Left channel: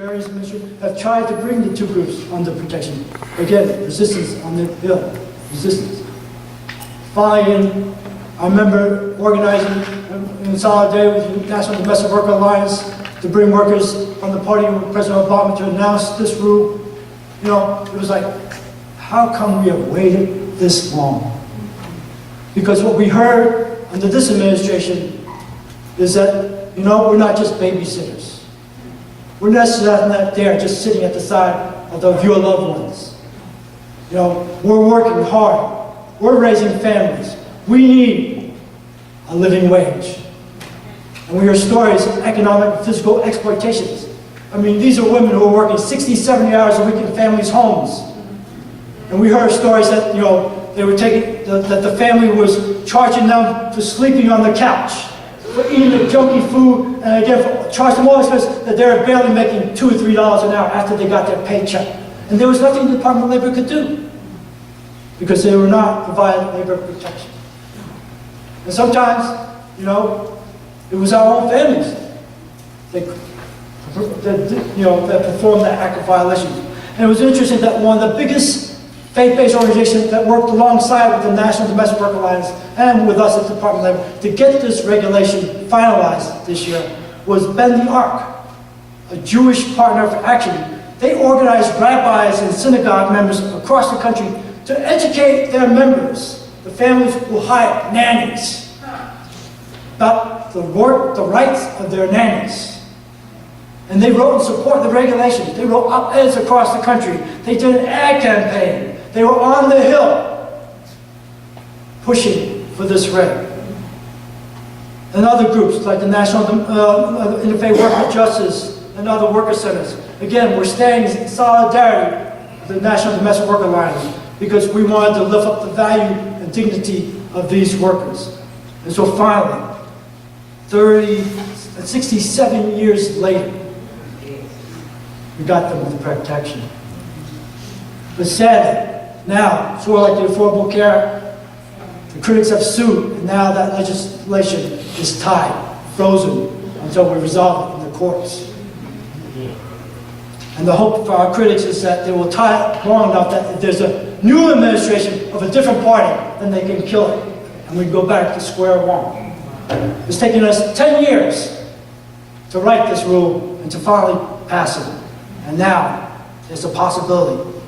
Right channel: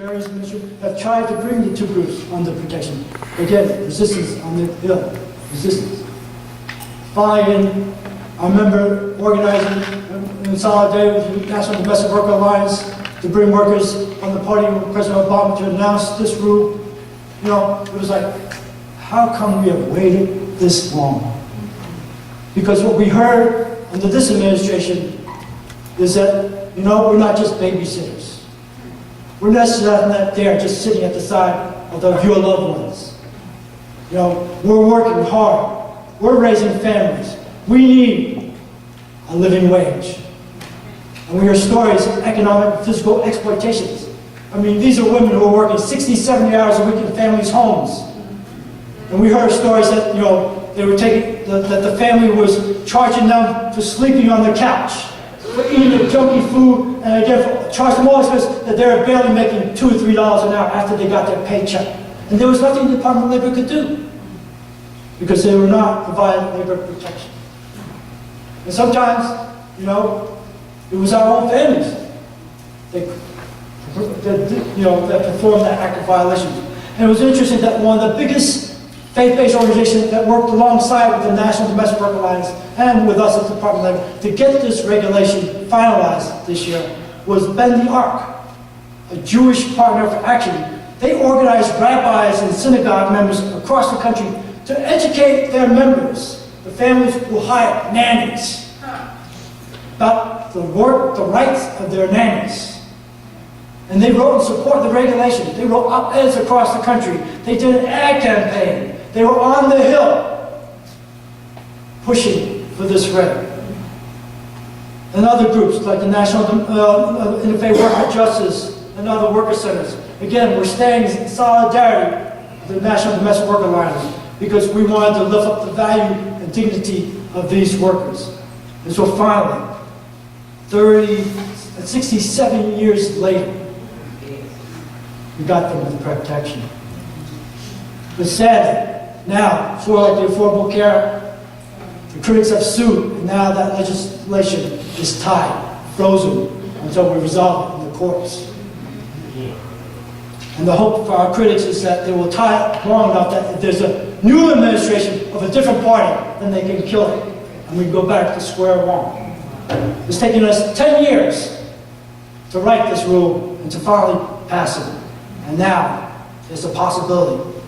various ministries have tried to bring the two groups under protection. Again, resistance on the Hill, resistance. Finally, I remember organizing in solidarity with the National Domestic Worker Alliance to bring workers on the party with President Obama to announce this rule. You know, it was like, how come we have waited this long? Because what we heard under this administration is that, you know, we're not just babysitters. We're not there just sitting at the side of your loved ones. You know, we're working hard. We're raising families. We need a living wage. And we hear stories of economic and physical exploitations. I mean, these are women who are working 60, 70 hours a week in families' homes. And we heard stories that, you know, they were taking, that the family was charging them for sleeping on the couch, for eating the junky food, and again, charged them all expenses that they were barely making $2 or $3 an hour after they got their paycheck. And there was nothing the Department of Labor could do, because they were not providing labor protection. And sometimes, you know, it was our own families that performed that act of violation. And it was interesting that one of the biggest faith-based organizations that worked alongside with the National Domestic Worker Alliance and with us at the Department of Labor to get this regulation finalized this year was Bend the Ark, a Jewish partner for action. They organized rabbis and synagogue members across the country to educate their members, the families who hire nannies, about the rights of their nannies. And they wrote in support of the regulation. They wrote op-eds across the country. They did an ad campaign. They were on the Hill pushing for this reg. And other groups like the National Interfaith Worker Justice and other worker centers. Again, we're staying in solidarity with the National Domestic Worker Alliance because we wanted to lift up the value and dignity of these workers. And so finally, 67 years later, we got them with protection. But sadly, now, sort of like the Affordable Care, the critics have sued, and now that legislation is tied, frozen, until we resolve it in the courts. And the hope for our critics is that they will tie it long enough that if there's a new administration of a different party, then they can kill it, and we go back to square one. It's taken us 10 years to write this rule and to finally pass it. And now, there's a possibility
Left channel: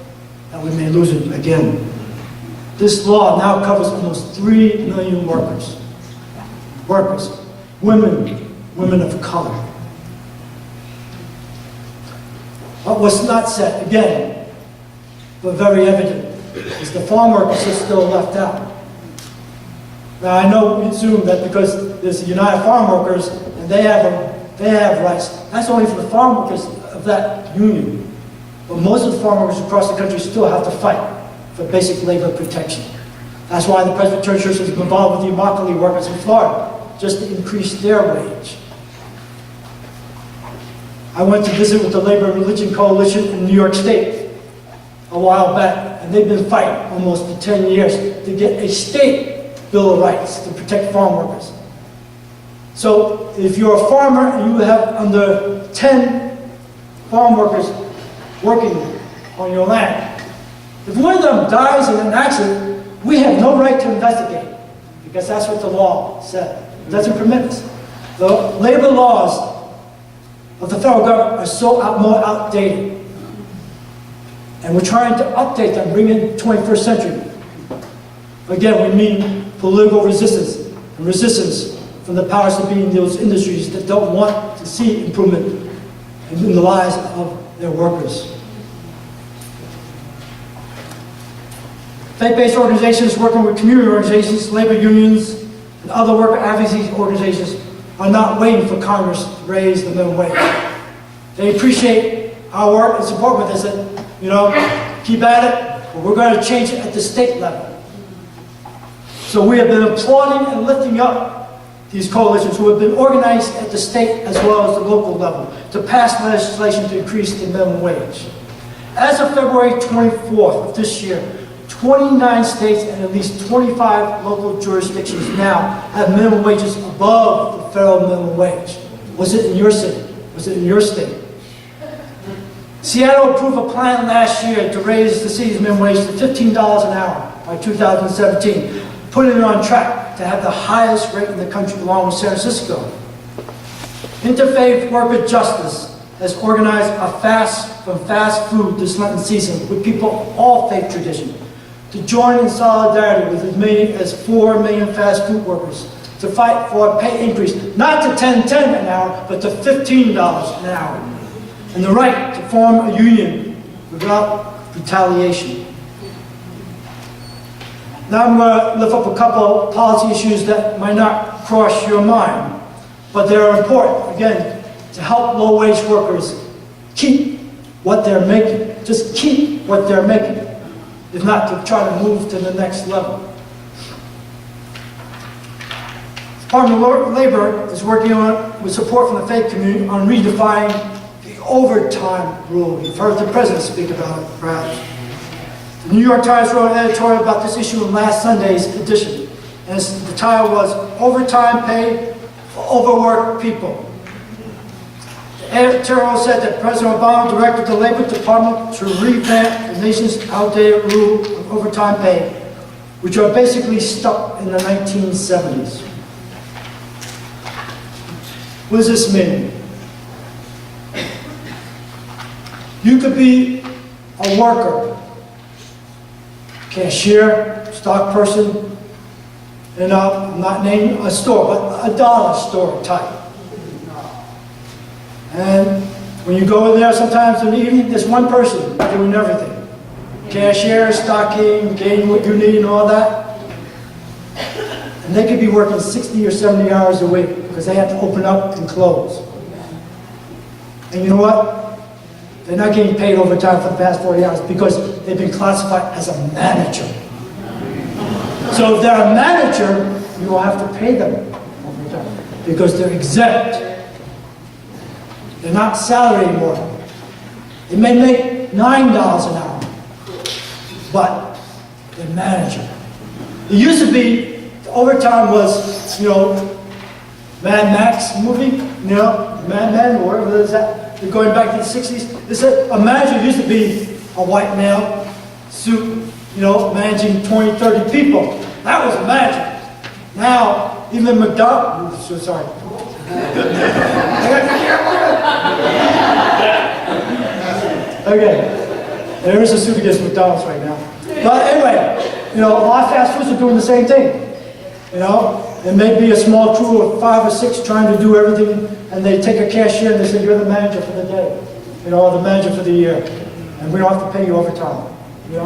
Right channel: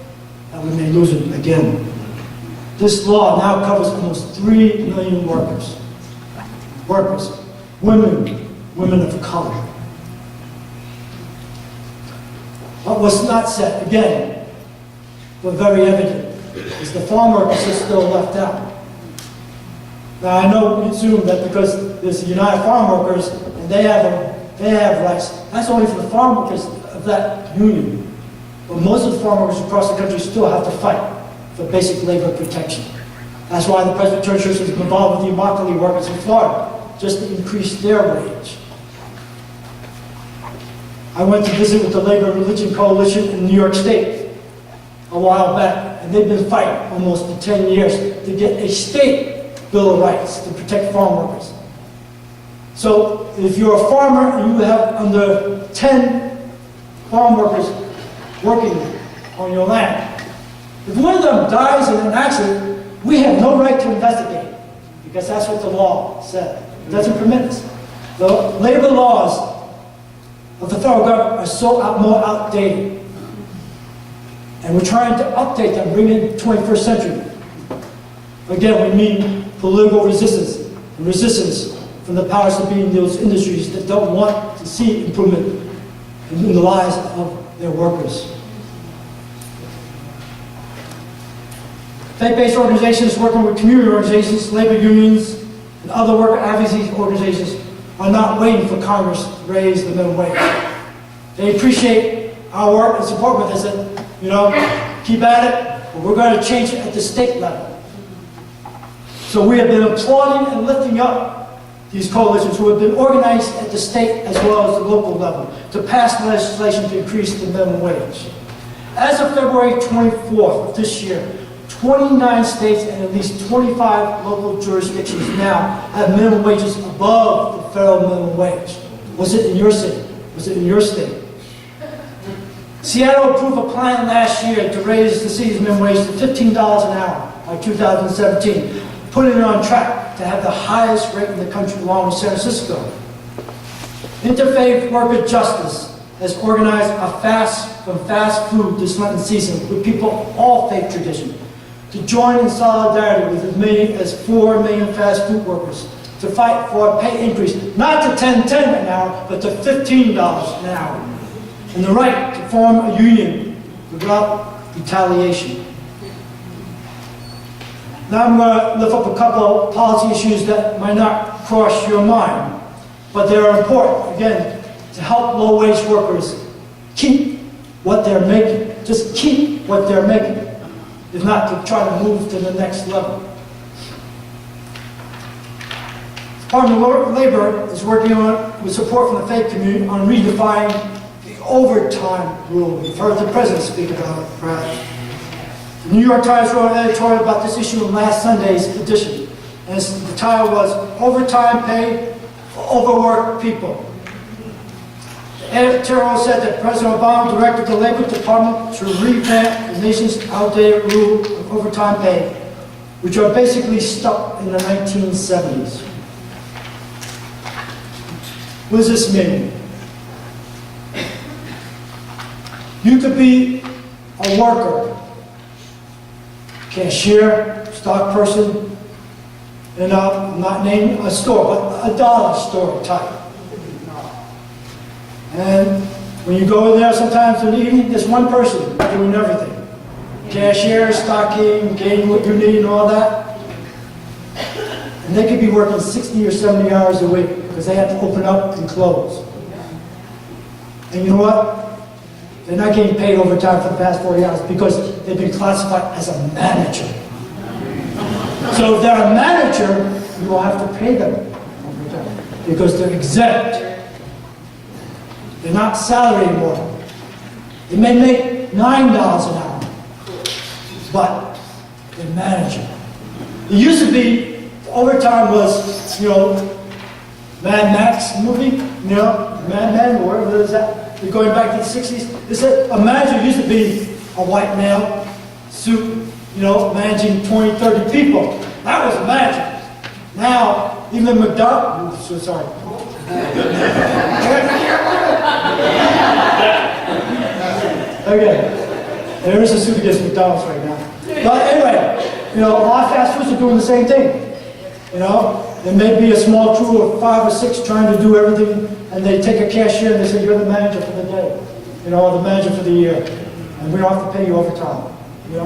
that we may lose it again. This law now covers almost 3 million workers. Workers, women of color. What was not said, again, but very evident, is the farm workers are still left out. Now I know we assume that because there's the United Farm Workers and they have rights. That's only for the farm workers of that union. But most of the farm workers across the country still have to fight for basic labor protection. That's why the Presbyterian Church is involved with the Immokalee workers in Florida, just to increase their wage. I went to visit with the Labor and Religion Coalition in New York State a while back, and they've been fighting almost for 10 years to get a state Bill of Rights to protect farm workers. So if you're a farmer and you have under 10 farm workers working on your land, if one of them dies in an accident, we have no right to investigate because that's what the law said. It doesn't permit us. The labor laws of the federal government are so more outdated. And we're trying to update them, bring in 21st century. Again, we mean political resistance, and resistance from the powers that be in those industries that don't want to see improvement in the lives of their workers. Faith-based organizations working with community organizations, labor unions, and other worker advocacy organizations are not waiting for Congress to raise the minimum wage. They appreciate our work and support with us and, you know, keep at it, but we're going to change it at the state level. So we have been applauding and lifting up these coalitions who have been organized at the state as well as the local level to pass legislation to increase the minimum wage. As of February 24th of this year, 29 states and at least 25 local jurisdictions now have minimum wages above the federal minimum wage. Was it in your city? Was it in your state? Seattle approved a plan last year to raise the city's minimum wage to $15 an hour by 2017, putting it on track to have the highest rate in the country along with San Francisco. Interfaith Worker Justice has organized a fast from fast food this Lenten season with people of all faith traditions to join in solidarity with as many as 4 million fast food workers to fight for a pay increase, not to $10.10 an hour, but to $15 an hour, and the right to form a union without retaliation. Now I'm going to lift up a couple of policy issues that might not cross your mind, but they're important, again, to help low-wage workers keep what they're making. Just keep what they're making, if not to try to move to the next level. The Department of Labor is working on, with support from the faith community, on redefining the overtime rule. You've heard the president speak about it, perhaps. The New York Times wrote an editorial about this issue in last Sunday's edition, and the title was "Overtime Pay for Overworked People." The editorial said that President Obama directed the Labor Department to revamp the nation's outdated rule of overtime pay, which are basically stuck in the 1970s. What does this mean? You could be a worker, cashier, stock person, in I'm not naming a store, but a dollar store type. And when you go in there sometimes in the evening, there's one person doing everything. Cashier, stocking, getting what you need and all that. And they could be working 60 or 70 hours a week because they have to open up and close. And you know what? They're not getting paid overtime for the past 40 hours because they've been classified as a manager. So if they're a manager, you will have to pay them overtime because they're exempt. They're not salary anymore. They may make $9 an hour, but they're manager. It used to be overtime was, Mad Max movie, Mad Men, or whatever it is that. Going back to the 60s, they said a manager used to be a white male, suit, managing 20, 30 people. That was a manager. Now, even McDonald's, so sorry. Okay, there is a suit against McDonald's right now. But anyway, a lot of fast foods are doing the same thing. There may be a small crew of 5 or 6 trying to do everything, and they take a cashier and they say, "You're the manager for the day, or the manager for the year, and we don't have to pay you overtime." You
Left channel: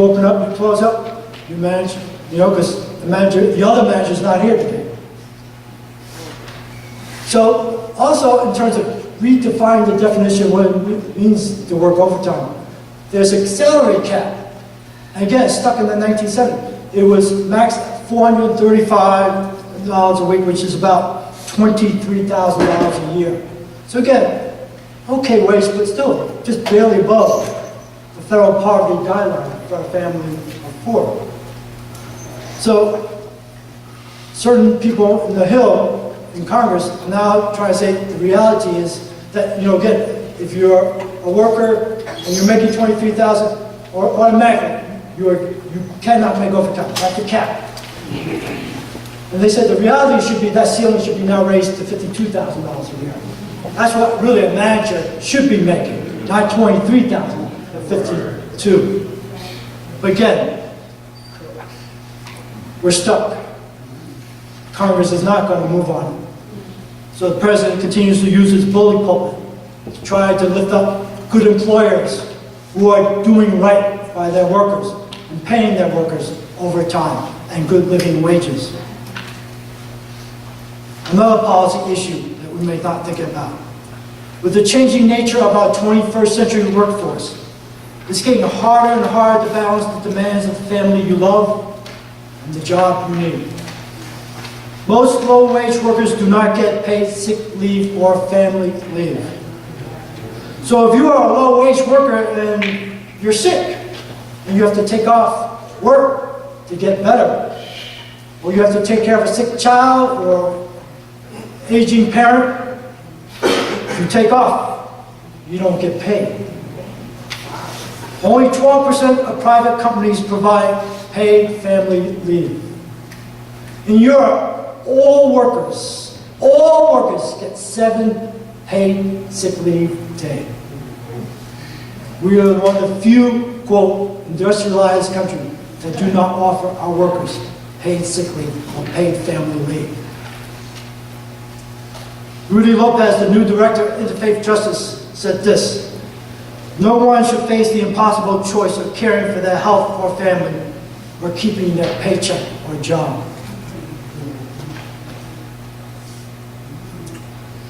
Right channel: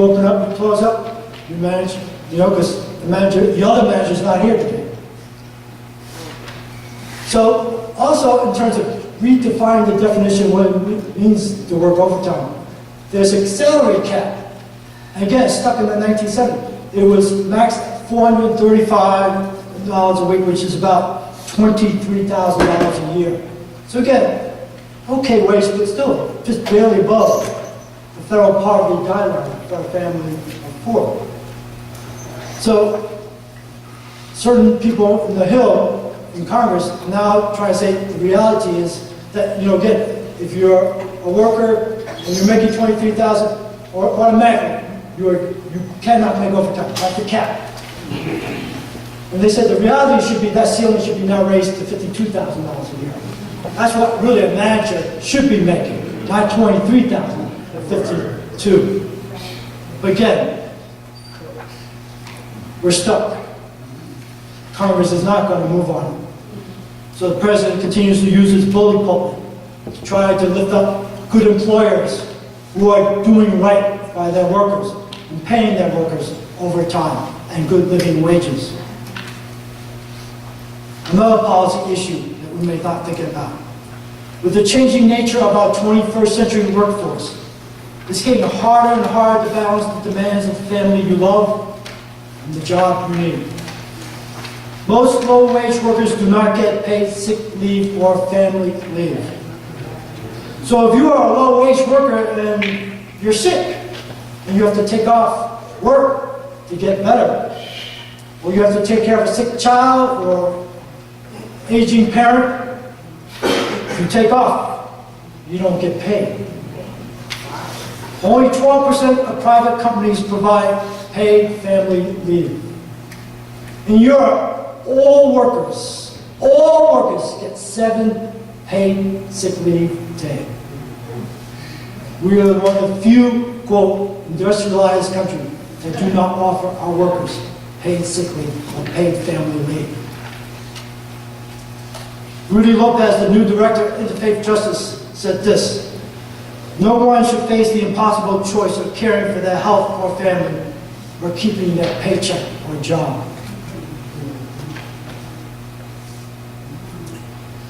open up, you close up, you manage, because the other manager's not here today. So, also in terms of redefining the definition of what it means to work overtime, there's a salary cap. And again, it's stuck in the 1970s. It was maxed at $435 a week, which is about $23,000 a year. So again, okay wage, but still just barely above the federal poverty guideline for a family of 4. So certain people in the Hill, in Congress, now try to say the reality is that, again, if you're a worker and you're making $23,000, or automatically you cannot make overtime. That's the cap. And they said the reality should be that ceiling should be now raised to $52,000 a year. That's what really a manager should be making, not $23,000, but $52,000. But again, we're stuck. Congress is not going to move on it. So the president continues to use his bully pulpit to try to lift up good employers who are doing right by their workers and paying their workers overtime and good living wages. Another policy issue that we may not think about. With the changing nature of our 21st century workforce, it's getting harder and harder to balance the demands of the family you love and the job you need. Most low-wage workers do not get paid sick leave or family leave. So if you are a low-wage worker and you're sick, and you have to take off work to get better, or you have to take care of a sick child or aging parent, if you take off, you don't get paid. Only 12% of private companies provide paid family leave. In Europe, all workers get 7 paid sick leave days. We are one of the few, quote, industrialized countries that do not offer our workers paid sick leave or paid family leave. Rudy Lopez, the new director of Interfaith Justice, said this: "No one should face the impossible choice of caring for their health or family or keeping their paycheck or job."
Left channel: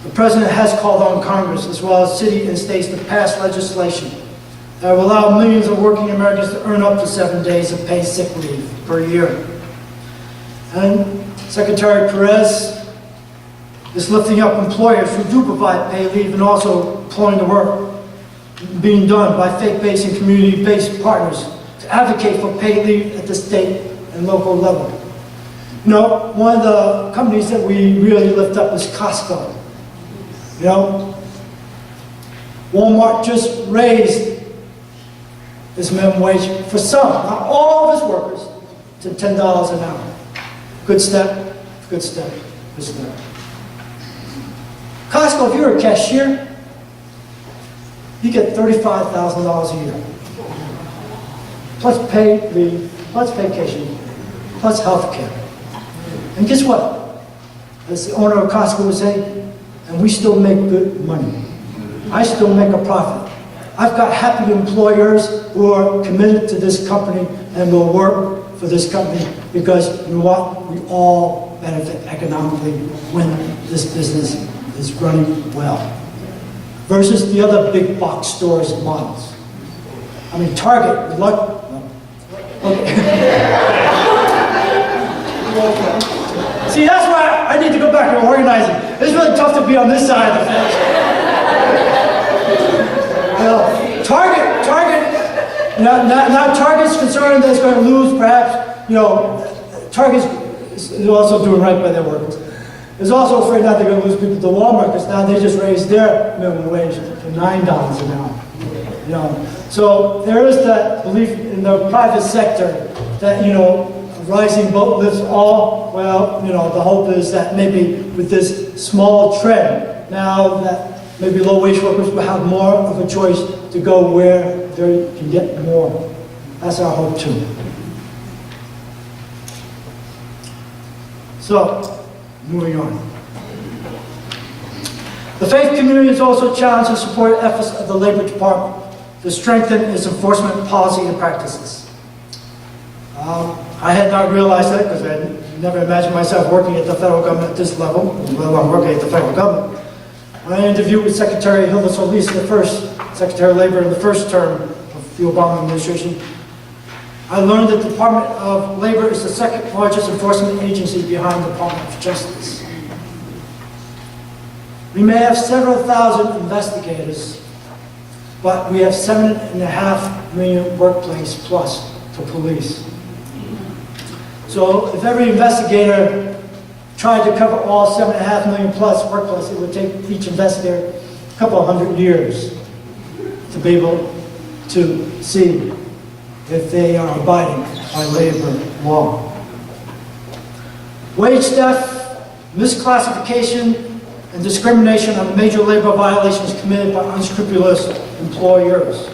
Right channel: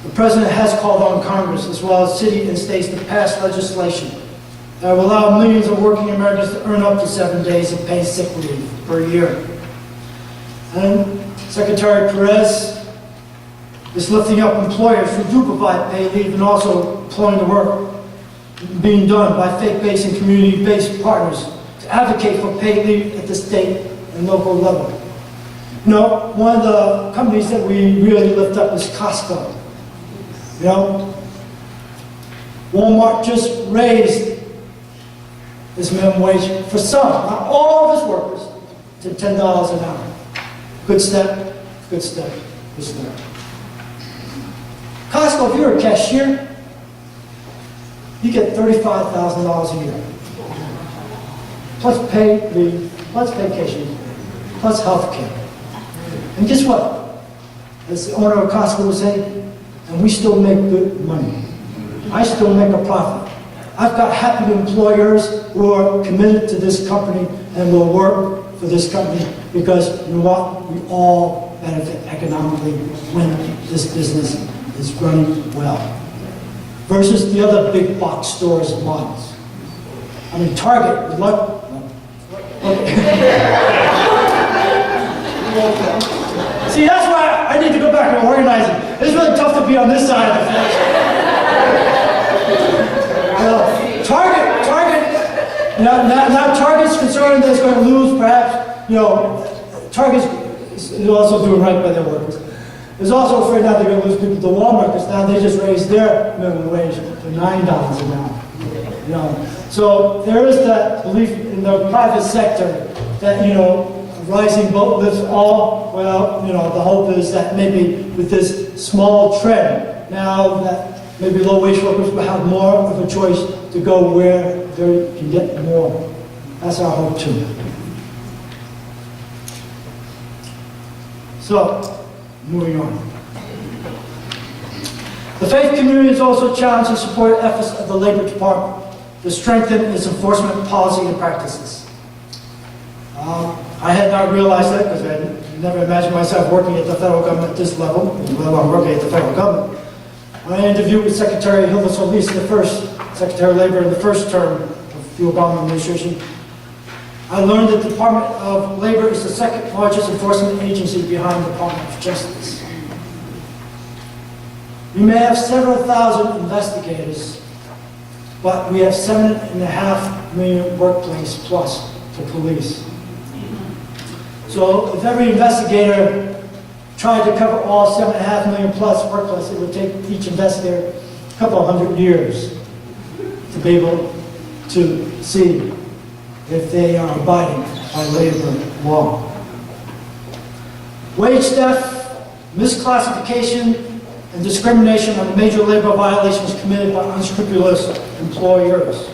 The President has called on Congress as well as cities and states to pass legislation that will allow millions of working Americans to earn up to 7 days of paid sick leave per year. And Secretary Perez is lifting up employers who do provide paid leave and also employing the work being done by faith-based and community-based partners to advocate for paid leave at the state and local level. You know, one of the companies that we really lift up is Costco. You know, Walmart just raised his minimum wage for some, not all of his workers, to $10 an hour. Good step, good step, good step. Costco, if you're a cashier, you get $35,000 a year. Plus paid leave, plus vacation, plus health care. And guess what? As the owner of Costco would say, and we still make good money. I still make a profit. I've got happy employers who are committed to this company and will work for this company because, you know what? We all benefit economically when this business is running well. Versus the other big box stores models. I mean, Target, good luck. Okay. See, that's why I need to go back to organizing. It's really tough to be on this side of the fence. Target, now Target's concerned that it's going to lose perhaps, you know, Target's is also doing right by their workers. Is also afraid now they're going to lose people to Walmart because now they just raised their minimum wage to $9 an hour. You know, so there is that belief in the private sector that, you know, a rising boat lifts all. Well, you know, the hope is that maybe with this small trend, now that maybe low-wage workers will have more of a choice to go where they can get more. That's our hope too. So, moving on. The faith community is also challenged to support efforts of the Labor Department to strengthen its enforcement policy and practices. I had not realized that because I never imagined myself working at the federal government at this level, let alone working at the federal government. When I interviewed with Secretary Hilda Solis, the first Secretary of Labor in the first term of the Obama administration, I learned that the Department of Labor is the second largest enforcement agency behind the Department of Justice. We may have several thousand investigators, but we have 7.5 million workplace plus for police. So if every investigator tried to cover all 7.5 million plus workplace, it would take each investigator a couple of 100 years to be able to see if they are abiding by labor law. Wage theft, misclassification, and discrimination are major labor violations committed by unscrupulous employers.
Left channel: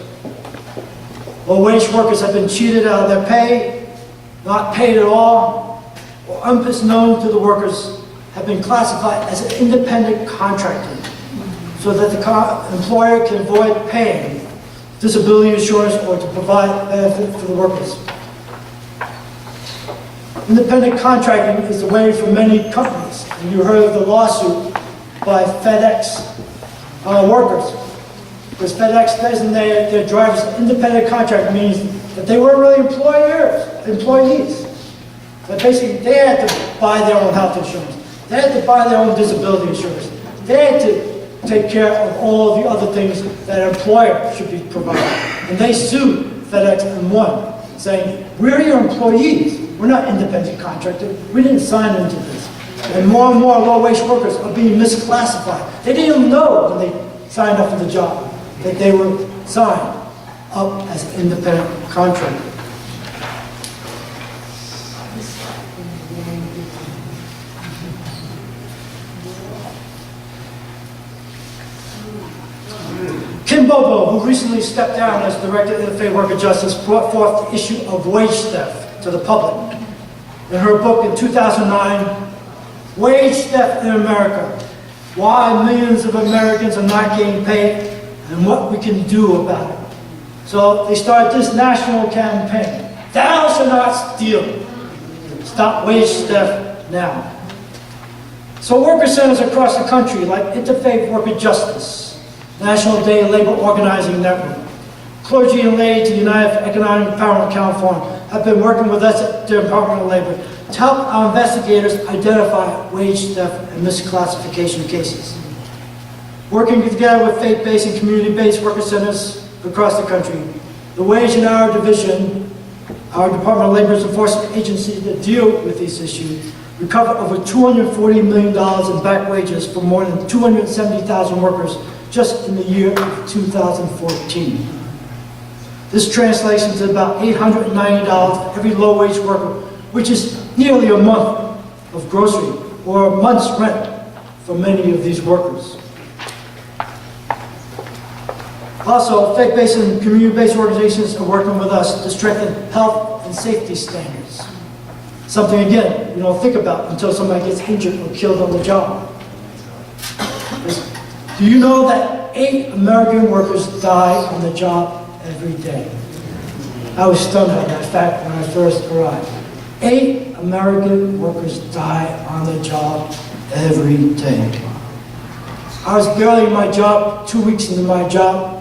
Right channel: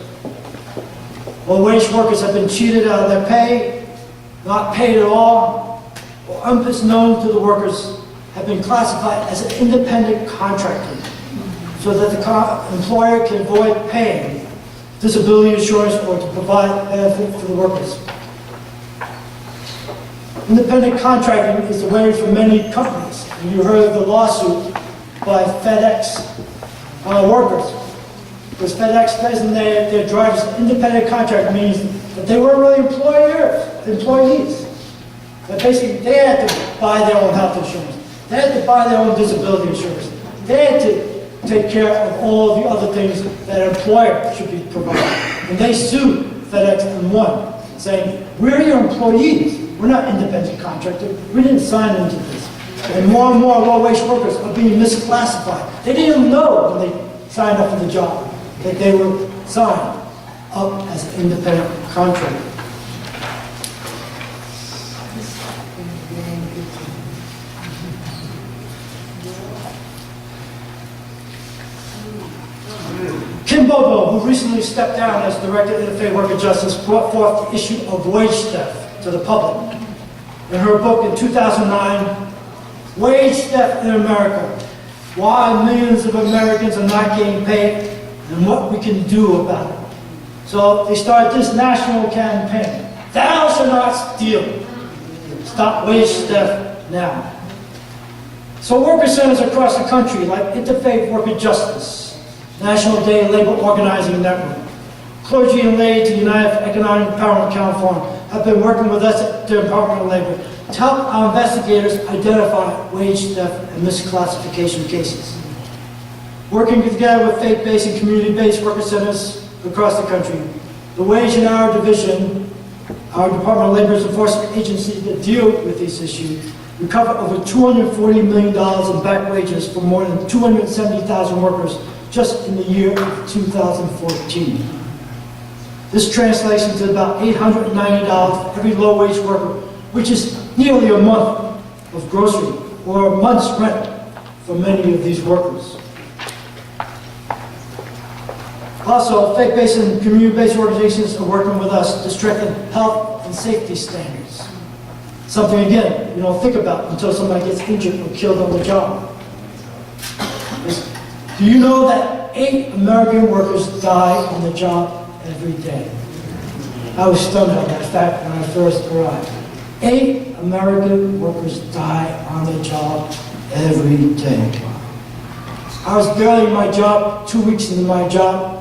Low-wage workers have been cheated out of their pay, not paid at all, or unbeknown to the workers, have been classified as an independent contractor so that the employer can avoid paying disability insurance or to provide benefit for the workers. Independent contracting is the way for many companies. And you heard of the lawsuit by FedEx workers. Because FedEx doesn't their drivers independent contract means that they weren't really employees. But basically they had to buy their own health insurance. They had to buy their own disability insurance. They had to take care of all of the other things that an employer should be providing. And they sued FedEx and won, saying, we're your employees. We're not independent contractors. We didn't sign into this. And more low-wage workers are being misclassified. They didn't even know when they signed up for the job that they were signed up as an independent contractor. Kim Bobo, who recently stepped down as Director of Interfaith Worker Justice, brought forth the issue of wage theft to the public. In her book in 2009, Wage Theft in America, Why Millions of Americans Are Not Getting Paid and What We Can Do About It. So they started this national campaign, Thou Shalt Not Steal. Stop wage theft now. So worker centers across the country, like Interfaith Worker Justice, National Day Labor Organizing Network, Clergy and Lay to United for Economic Empowerment California, have been working with us at the Department of Labor to help our investigators identify wage theft and misclassification cases. Working together with faith-based and community-based worker centers across the country, the Wage and Hour Division, our Department of Labor's enforcement agency that deal with these issues, recovered over $240 million in back wages for more than 270,000 workers just in the year of 2014. This translates into about $890 for every low-wage worker, which is nearly a month of grocery or a month's rent for many of these workers. Also, faith-based and community-based organizations are working with us to strengthen health and safety standards. Something, again, you don't think about until somebody gets injured or killed on the job. Do you know that 8 American workers die on the job every day? I was stunned by that fact when I first arrived. 8 American workers die on the job every day. I was barely in my job, 2 weeks into my job,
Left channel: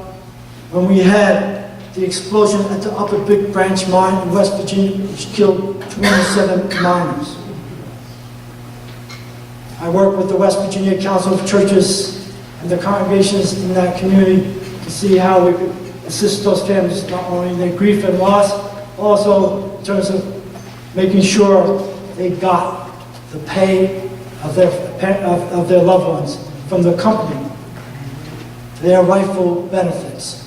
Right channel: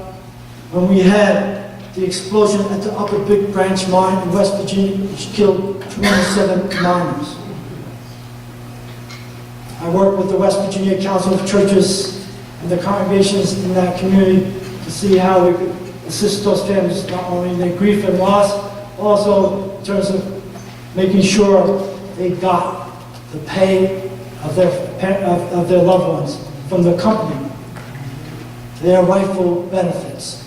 when we had the explosion at the Upper Big Branch mine in West Virginia, which killed 27 miners. I worked with the West Virginia Council of Churches and the congregations in that community to see how we could assist those families, not only in their grief and loss, also in terms of making sure they got the pay of their loved ones from the company, their rightful benefits.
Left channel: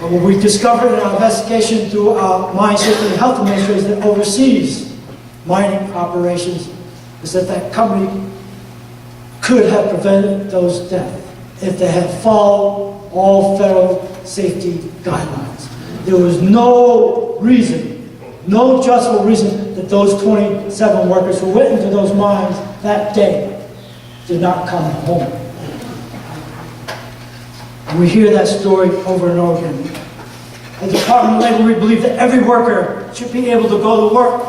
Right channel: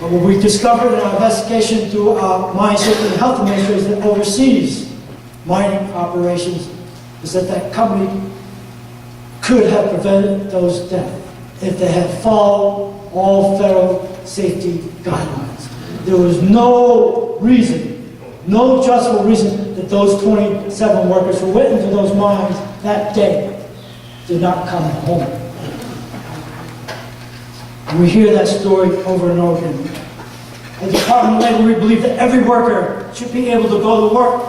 But what we discovered in our investigation through our Mine Safety and Health Administration that oversees mining operations is that that company could have prevented those deaths if they had followed all federal safety guidelines. There was no reason, no justifiable reason that those 27 workers who went into those mines that day did not come home. And we hear that story over and over again. At the Department of Labor, we believe that every worker should be able to go to work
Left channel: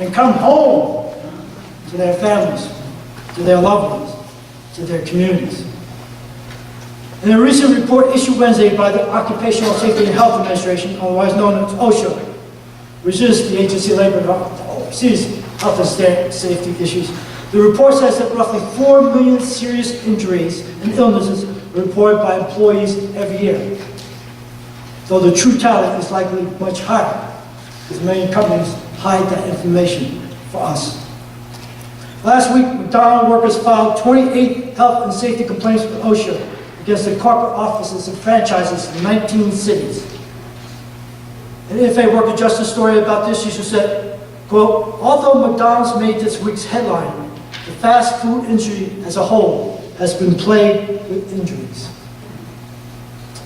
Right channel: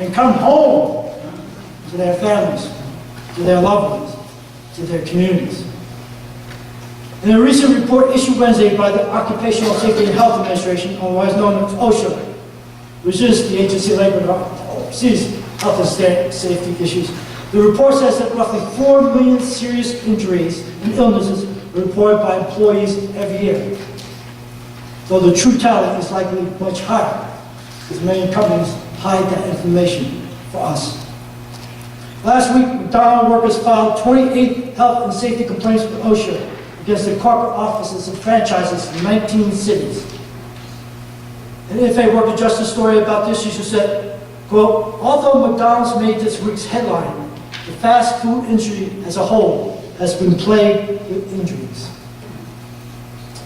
and come home to their families, to their loved ones, to their communities. In a recent report issued Wednesday by the Occupational Safety and Health Administration, otherwise known as OSHA, which is the agency of labor that oversees health and safety issues, the report says that roughly 4 million serious injuries and illnesses are reported by employees every year. Though the true tally is likely much higher, because many companies hide that information for us. Last week, McDonald's workers filed 28 health and safety complaints with OSHA against the corporate offices and franchises in 19 cities. And if a worker justice story about this issue said, quote, although McDonald's made this week's headline, the fast food industry as a whole has been plagued with injuries.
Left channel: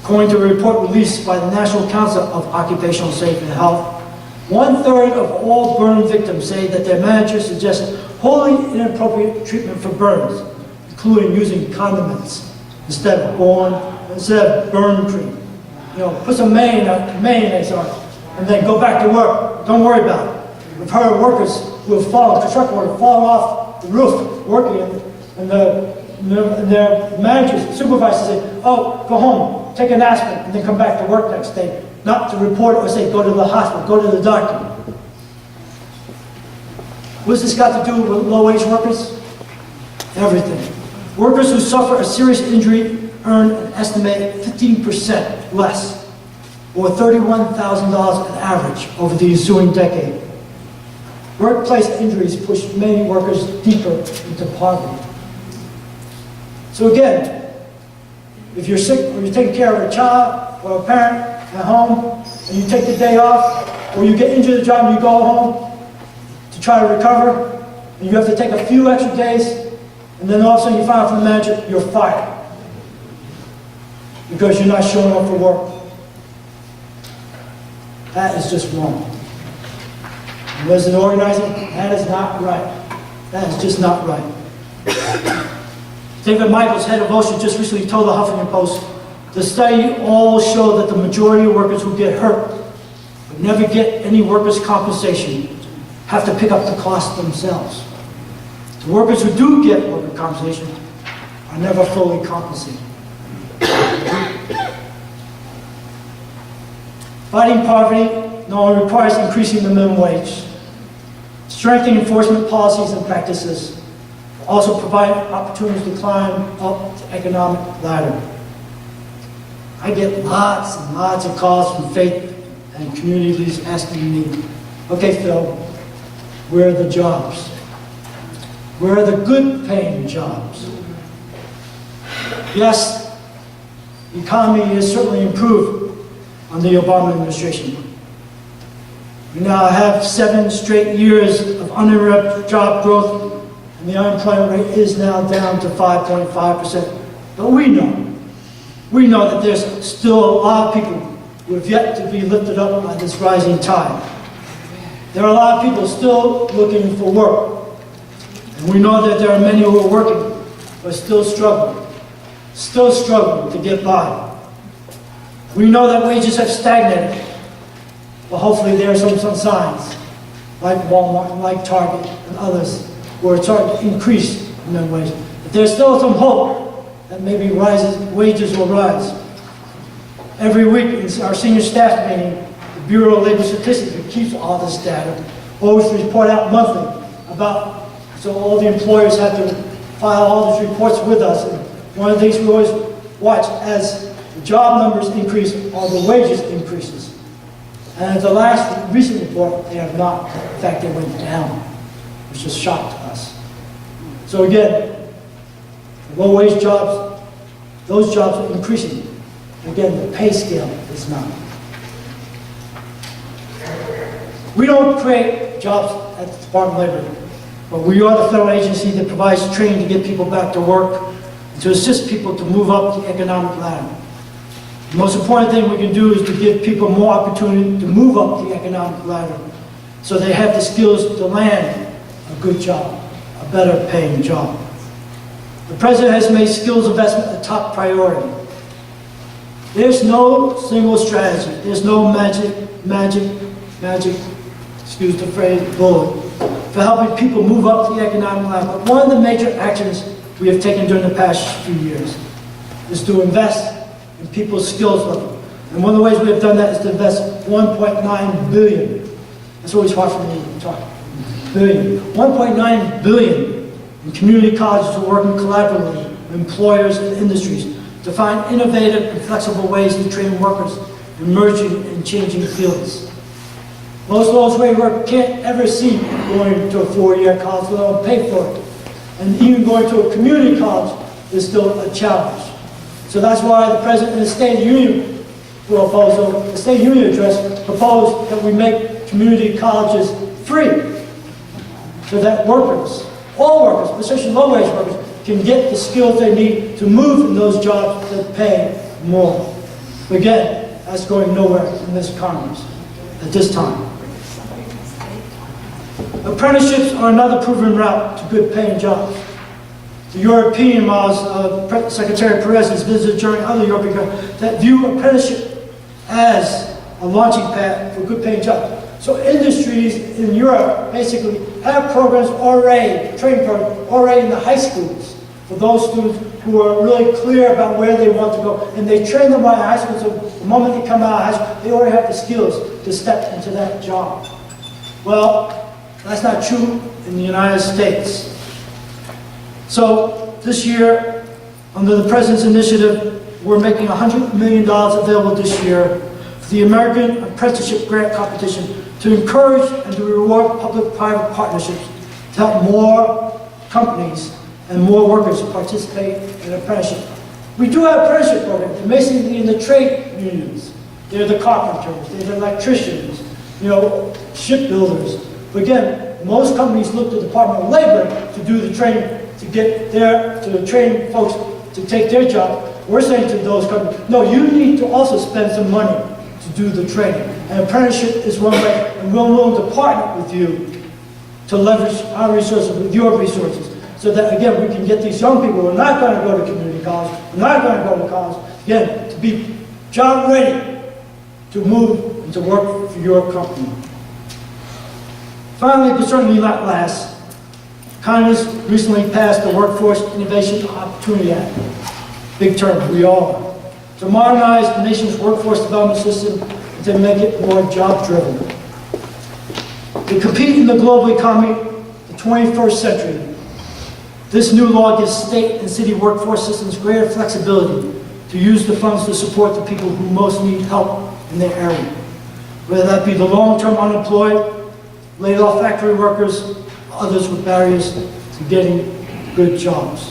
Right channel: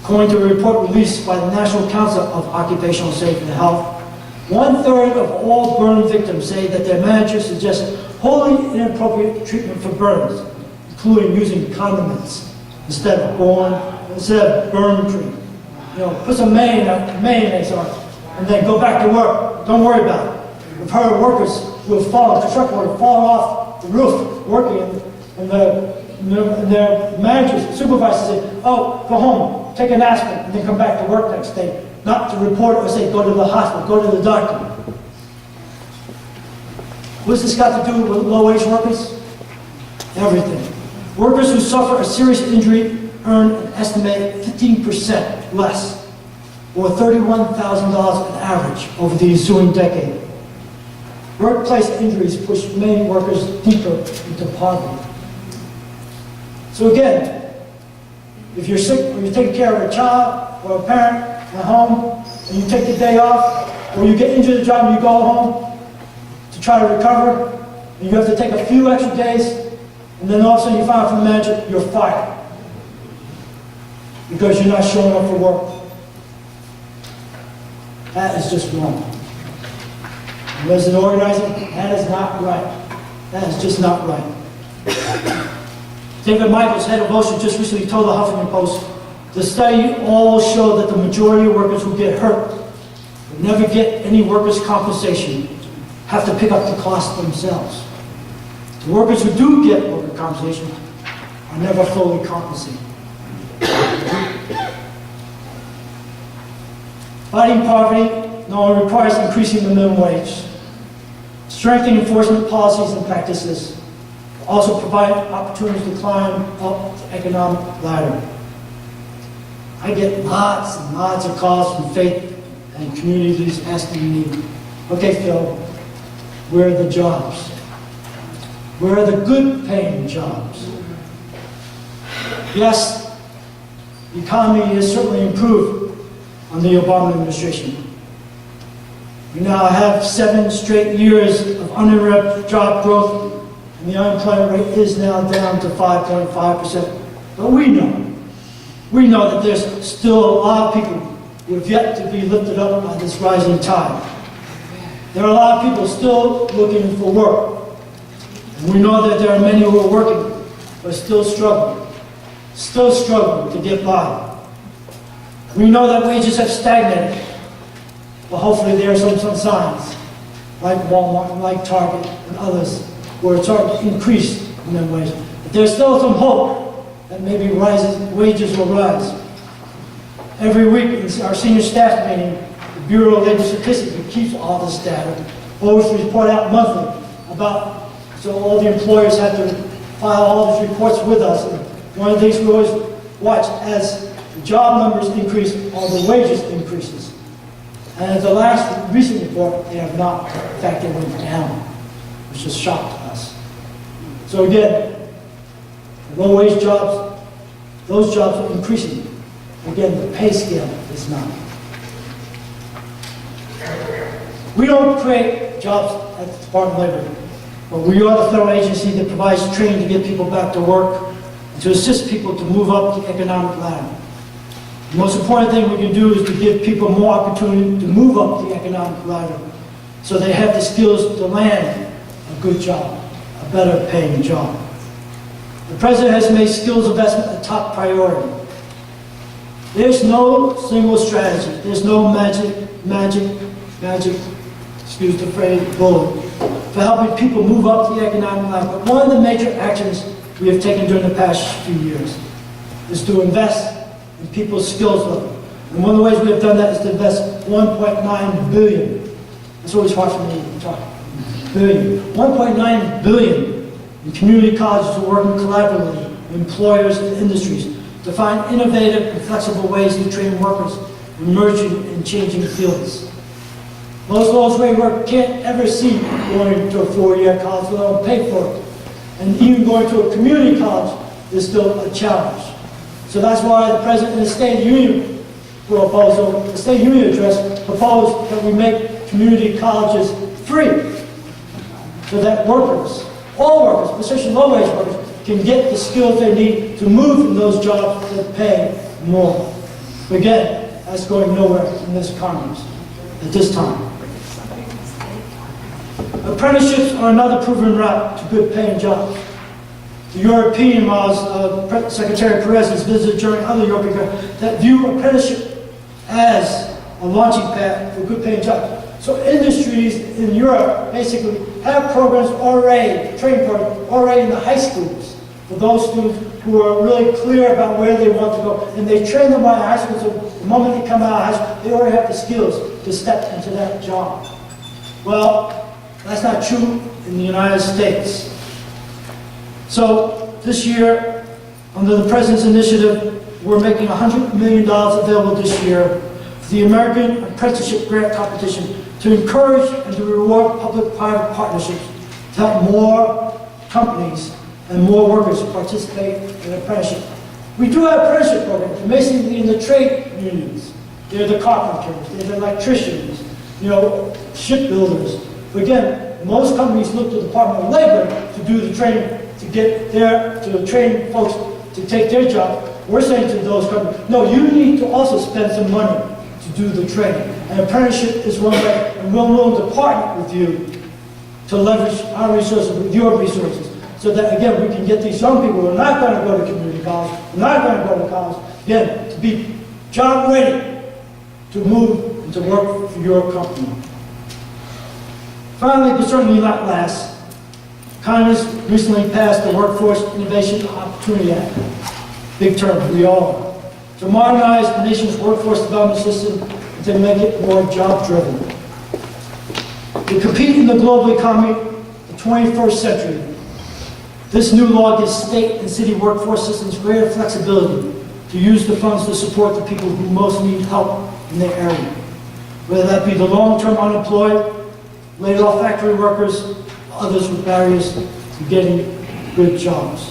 According to a report released by the National Council of Occupational Safety and Health, 1/3 of all burn victims say that their managers suggested wholly inappropriate treatment for burns, including using condiments instead of burn cream. You know, put some mayonnaise on it, and then go back to work. Don't worry about it. I've heard of workers who have fallen, construction workers, fallen off the roof working, and their managers, supervisors say, oh, go home, take an aspirin, and then come back to work next day. Not to report or say, go to the hospital, go to the doctor. What's this got to do with low-wage workers? Everything. Workers who suffer a serious injury earn an estimated 15% less, or $31,000 on average over the ensuing decade. Workplace injuries push many workers deeper into poverty. So again, if you're sick or you're taking care of a child or a parent at home, and you take the day off, or you get injured at the job and you go home to try to recover, and you have to take a few extra days, and then all of a sudden you find out from the manager, you're fired because you're not showing up for work. That is just wrong. And as an organizer, that is not right. That is just not right. David Michaels, head of OSHA, just recently told the Huffington Post, the study all showed that the majority of workers who get hurt but never get any workers' compensation have to pick up the cost themselves. The workers who do get workers' compensation are never fully compensated. Fighting poverty not only requires increasing the minimum wage, strengthening enforcement policies and practices, but also provide opportunities to climb up the economic ladder. I get lots and lots of calls from faith and communities asking me, okay, Phil, where are the jobs? Where are the good paying jobs? Yes, the economy has certainly improved under the Obama administration. We now have 7 straight years of uninterrupted job growth, and the unemployment rate is now down to 5.5%. But we know that there's still a lot of people who have yet to be lifted up by this rising tide. There are a lot of people still looking for work. And we know that there are many who are working, but still struggling to get by. We know that wages have stagnated, but hopefully there are some signs, like Walmart and like Target and others, who are starting to increase in their wages. But there's still some hope that maybe wages will rise. Every week in our senior staff meeting, the Bureau of Labor Statistics, who keeps all this data, always report out monthly about, so all the employers have to file all these reports with us. And one of the things we always watch as the job numbers increase, are the wages increases. And at the last recent report, they have not. In fact, they went down, which is a shock to us. So again, the low-wage jobs, those jobs are increasing. Again, the pay scale is not. We don't create jobs at the Department of Labor, but we are the federal agency that provides training to get people back to work and to assist people to move up the economic ladder. The most important thing we can do is to give people more opportunity to move up the economic ladder so they have the skills to land a good job, a better paying job. The President has made skills investment a top priority. There's no single strategy. There's no magic, excuse the phrase, bullet for helping people move up the economic ladder. But one of the major actions we have taken during the past few years is to invest in people's skills level. And one of the ways we have done that is to invest $1.9 billion. That's always hard for me to talk. Billion. $1.9 billion in community colleges who are working collaboratively with employers and industries to find innovative and flexible ways to train workers in emerging and changing fields. Most low-wage workers can't ever see going to a 4-year college, let alone pay for it. And even going to a community college is still a challenge. So that's why the President in the State of the Union proposal, the State of the Union address, proposed that we make community colleges free so that workers, all workers, especially low-wage workers, can get the skills they need to move in those jobs that pay more. But again, that's going nowhere in this Congress at this time. Apprenticeships are another proven route to good paying jobs. The European models, Secretary Perez has visited during other European countries that view apprenticeship as a launching pad for good paying jobs. So industries in Europe basically have programs already, training programs already in the high schools for those students who are really clear about where they want to go. And they train them by high school, so the moment they come out of high school, they already have the skills to step into that job. Well, that's not true in the United States. So this year, under the President's initiative, we're making $100 million available this year for the American Apprenticeship Grant Competition to encourage and to reward public-private partnerships to help more companies and more workers participate in apprenticeship. We do have apprenticeship programs, and basically in the trade unions. They're the carpenters, they're the electricians, you know, shipbuilders. But again, most companies look to the Department of Labor to do the training, to train folks to take their job. We're saying to those companies, no, you need to also spend some money to do the training. And apprenticeship is one way, and we're willing to partner with you to leverage our resources with your resources, so that, again, we can get these young people who are not going to go to community college, who are not going to go to college, again, to be job ready to move and to work for your company. Finally, but certainly not last, Congress recently passed the Workforce Innovation Opportunity Act. Big term, we all know. To modernize the nation's workforce development system and to make it more job-driven. To compete in the global economy, the 21st century, this new law gives state and city workforce systems greater flexibility to use the funds to support the people who most need help in their area. Whether that be the long-term unemployed, laid-off factory workers, others with barriers to getting good jobs.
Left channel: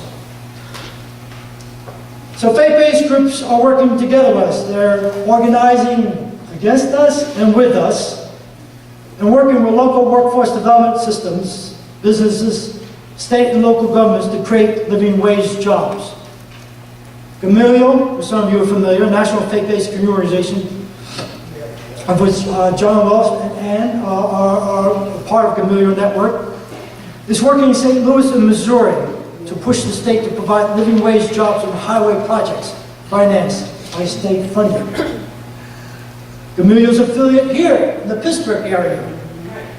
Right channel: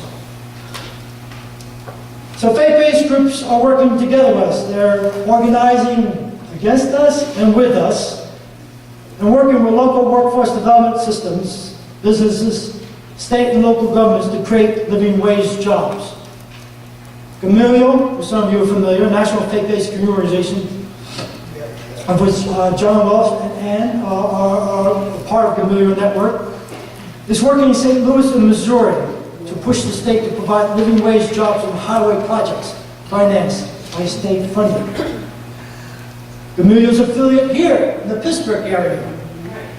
So faith-based groups are working together with us. They're organizing against us and with us, and working with local workforce development systems, businesses, state and local governments to create living wage jobs. Gamaliel, for some of you are familiar, a national faith-based community organization, of which John Wells and Ann are a part of Gamaliel Network, is working in St. Louis and Missouri to push the state to provide living wage jobs on highway projects financed by state funding. Gamaliel's affiliate here in the Pittsburgh area,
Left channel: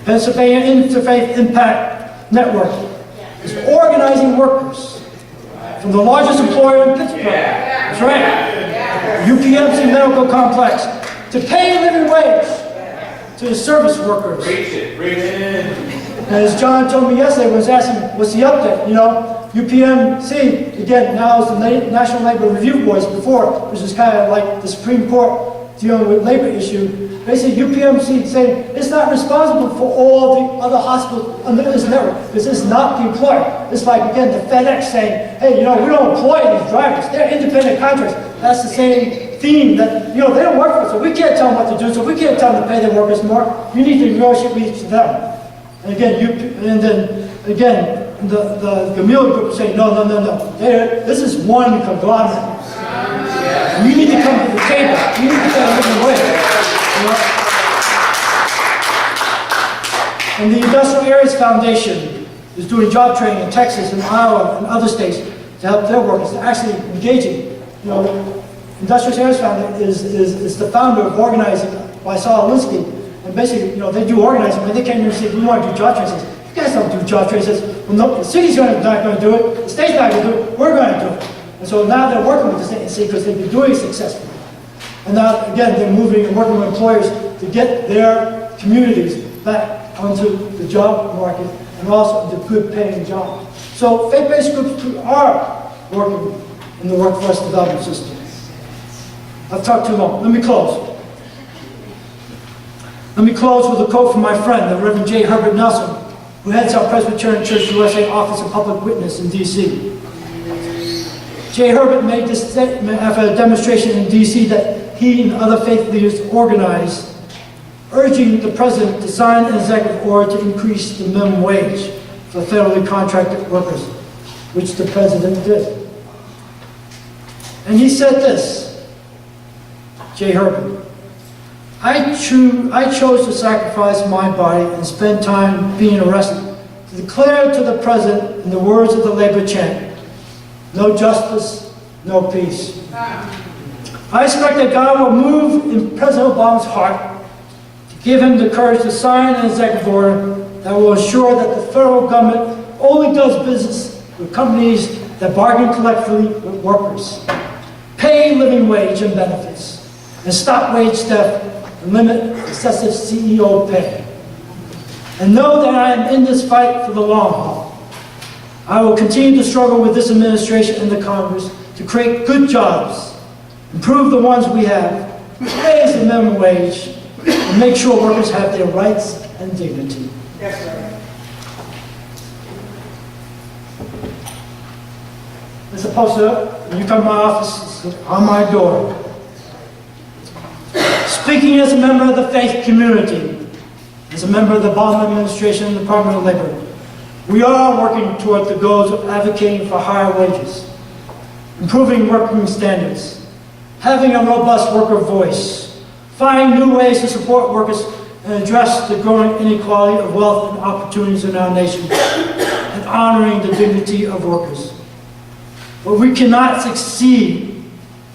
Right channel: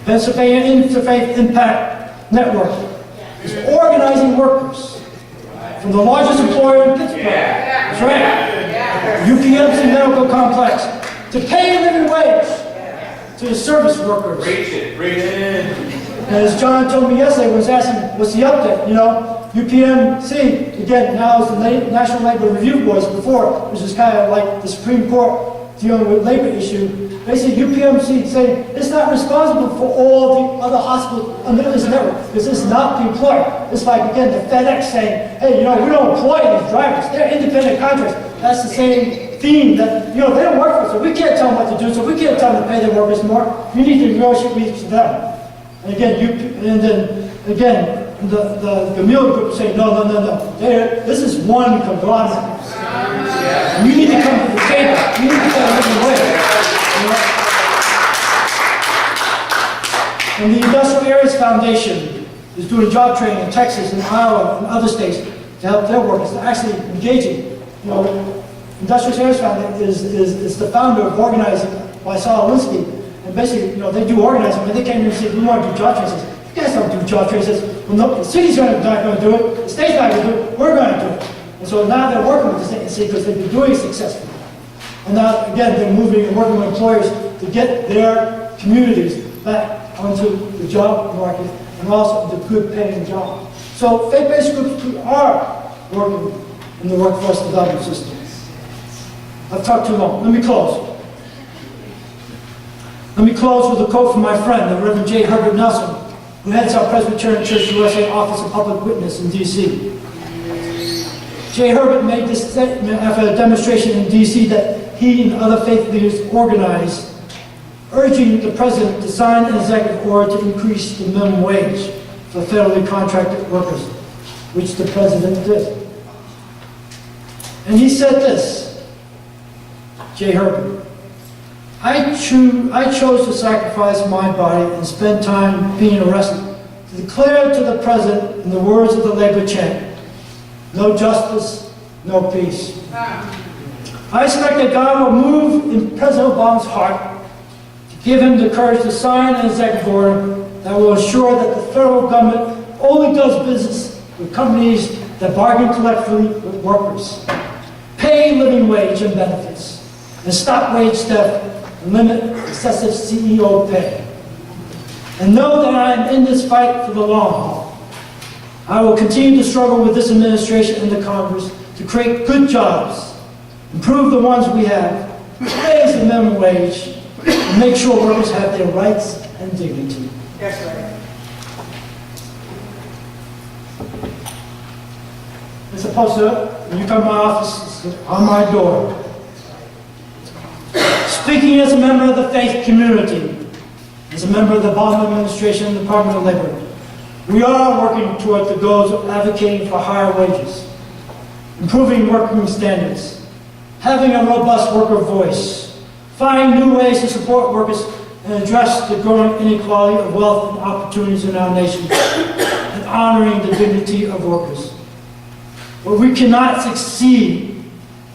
Pennsylvania Interfaith Impact Network, is organizing workers from the largest employer in Pittsburgh, that's right, UPMC Medical Complex, to pay a living wage to the service workers. Preach it. And as John told me yesterday, when I was asking, what's the update? You know, UPMC, again, now is the National Labor Review Board. Before, which is kind of like the Supreme Court dealing with labor issue. Basically, UPMC saying it's not responsible for all the other hospitals under this network, because it's not the employer. It's like, again, the FedEx saying, hey, you know, we don't employ these drivers. They're independent contractors. That's the same theme that, you know, they don't work for us, so we can't tell them what to do, so we can't tell them to pay their workers more. You need to negotiate with each of them. And again, the Gamaliel group is saying, no. This is one conglomerate. You need to come to the table. You need to get a living wage. You know? And the Industrial Areas Foundation is doing job training in Texas and Iowa and other states to help their workers to actually engaging. You know, Industrial Areas Foundation is the founder of organizing by Saul Alinsky. And basically, you know, they do organizing, but they came here and said, we want to do job training. Says, you guys don't do job training. Says, well, no, the city's not going to do it, the state's not going to do it, we're going to do it. And so now they're working with the state and city because they've been doing it successfully. And now, again, they're moving and working with employers to get their communities back onto the job market and also into good paying jobs. So faith-based groups are working in the workforce development system. I've talked too long. Let me close. Let me close with a quote from my friend, the Reverend J. Herbert Nelson, who heads our Presbyterian Church USA Office of Public Witness in D.C. J. Herbert made this statement after a demonstration in D.C. that he and other faith leaders organized, urging the President to sign an executive order to increase the minimum wage for federally contracted workers, which the President did. And he said this, J. Herbert, I chose to sacrifice my body and spend time being arrested to declare to the President, in the words of the labor chant, no justice, no peace. I expect that God will move in President Obama's heart to give him the courage to sign an executive order that will ensure that the federal government only does business with companies that bargain collectively with workers, pay living wage and benefits, and stop wage theft and limit excessive CEO pay. And know that I am in this fight for the long haul. I will continue to struggle with this administration and the Congress to create good jobs, improve the ones we have, raise the minimum wage, and make sure workers have their rights and dignity. Yes, sir. It's a poster, when you come to my office, it's on my door. Speaking as a member of the faith community, as a member of the Obama administration and the Department of Labor, we are working toward the goals of advocating for higher wages, improving working standards, having a robust worker voice, finding new ways to support workers and address the growing inequality of wealth and opportunities in our nation, and honoring the dignity of workers. But we cannot succeed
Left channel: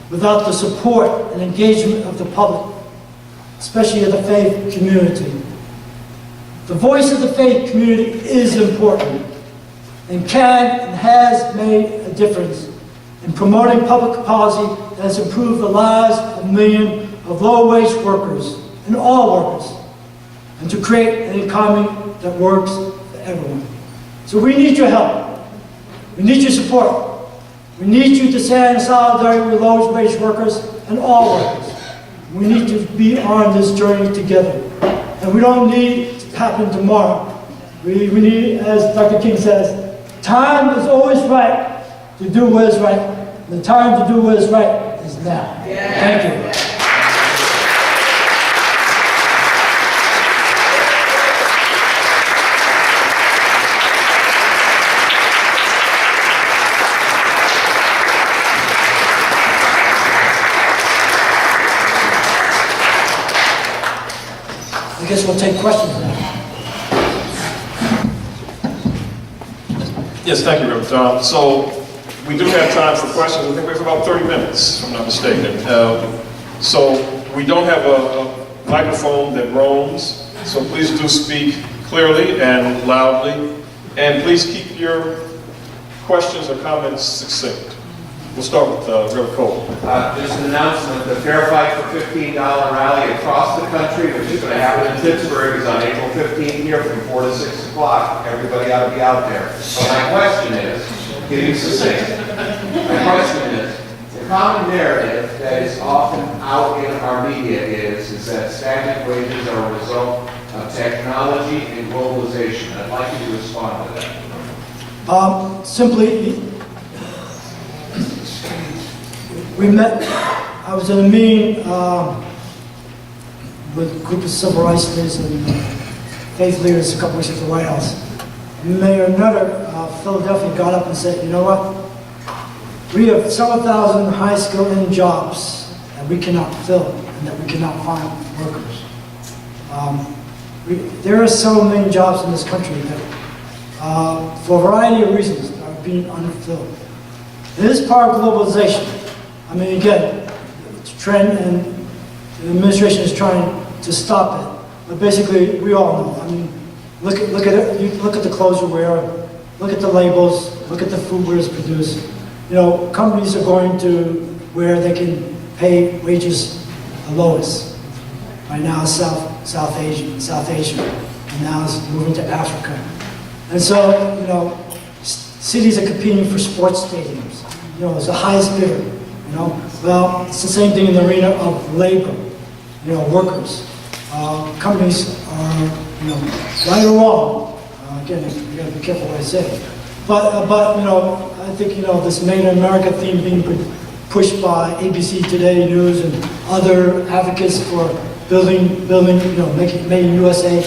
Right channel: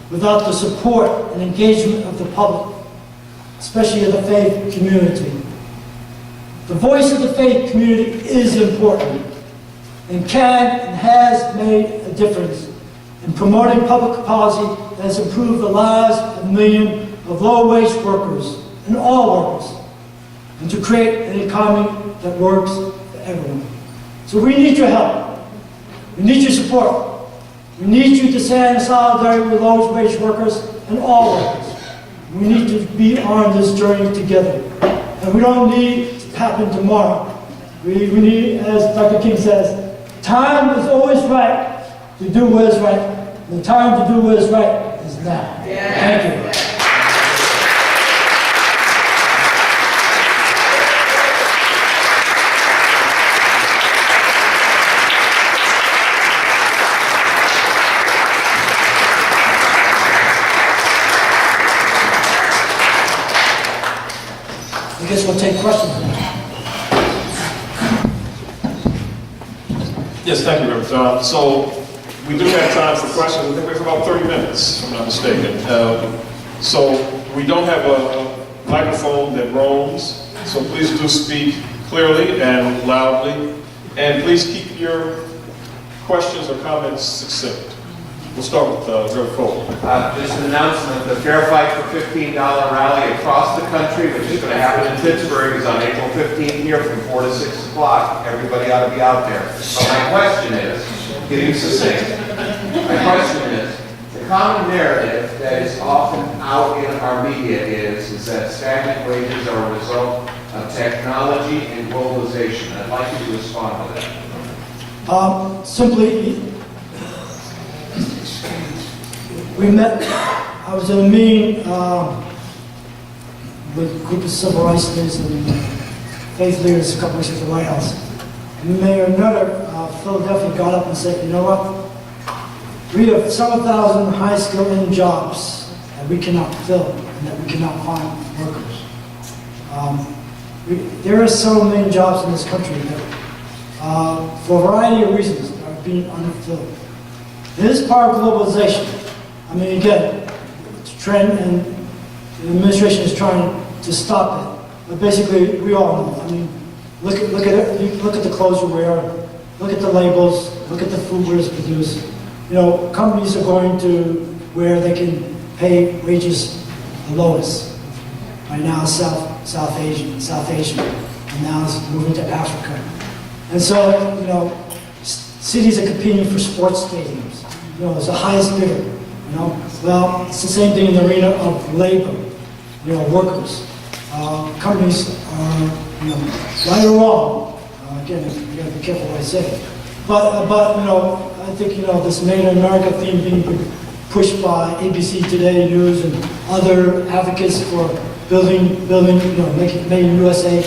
without the support and engagement of the public, especially of the faith community. The voice of the faith community is important and can and has made a difference in promoting public policy that has improved the lives of millions of low-wage workers and all workers, and to create an economy that works for everyone. So we need your help. We need your support. We need you to stand in solidarity with low-wage workers and all workers. We need to be on this journey together. And we don't need it to happen tomorrow. We need, as Dr. King says, time is always right to do what is right. The time to do what is right is now. Thank you. I guess we'll take questions now. Yes, thank you, Reverend. So we do have time for questions. I think we have about 30 minutes, if I'm not mistaken. So we don't have a microphone that roams, so please do speak clearly and loudly. And please keep your questions or comments succinct. We'll start with Reverend Cole. Just an announcement, the Fair Fight for $15 rally across the country, which is going to happen in Pittsburgh, is on April 15th here from 4 to 6 o'clock. Everybody ought to be out there. So my question is, getting succinct, my question is, the common narrative that is often out in our media is that stagnant wages are a result of technology and globalization. I'd like you to respond to that. Simply, we met, I was in a meeting with a group of civil rights leaders and faith leaders a couple weeks at the White House. Mayor Nutter of Philadelphia got up and said, you know what? We have several thousand high-skilled jobs that we cannot fill and that we cannot find workers. There are several million jobs in this country that, for a variety of reasons, are being unfilled. It is part of globalization. I mean, again, it's a trend, and the administration is trying to stop it. But basically, we all know. I mean, look at it. You look at the clothes we wear. Look at the labels. Look at the food where it's produced. You know, companies are going to where they can pay wages the lowest. Right now, South Asia, and now it's moving to Africa. And so, you know, cities are competing for sports stadiums. You know, it's the highest bidder. You know, well, it's the same thing in the arena of labor. You know, workers. Companies are, you know, right or wrong. Again, you got to be careful what I say. But you know, I think, you know, this Made in America theme being pushed by ABC Today News and other advocates for building, you know, making it made in USA.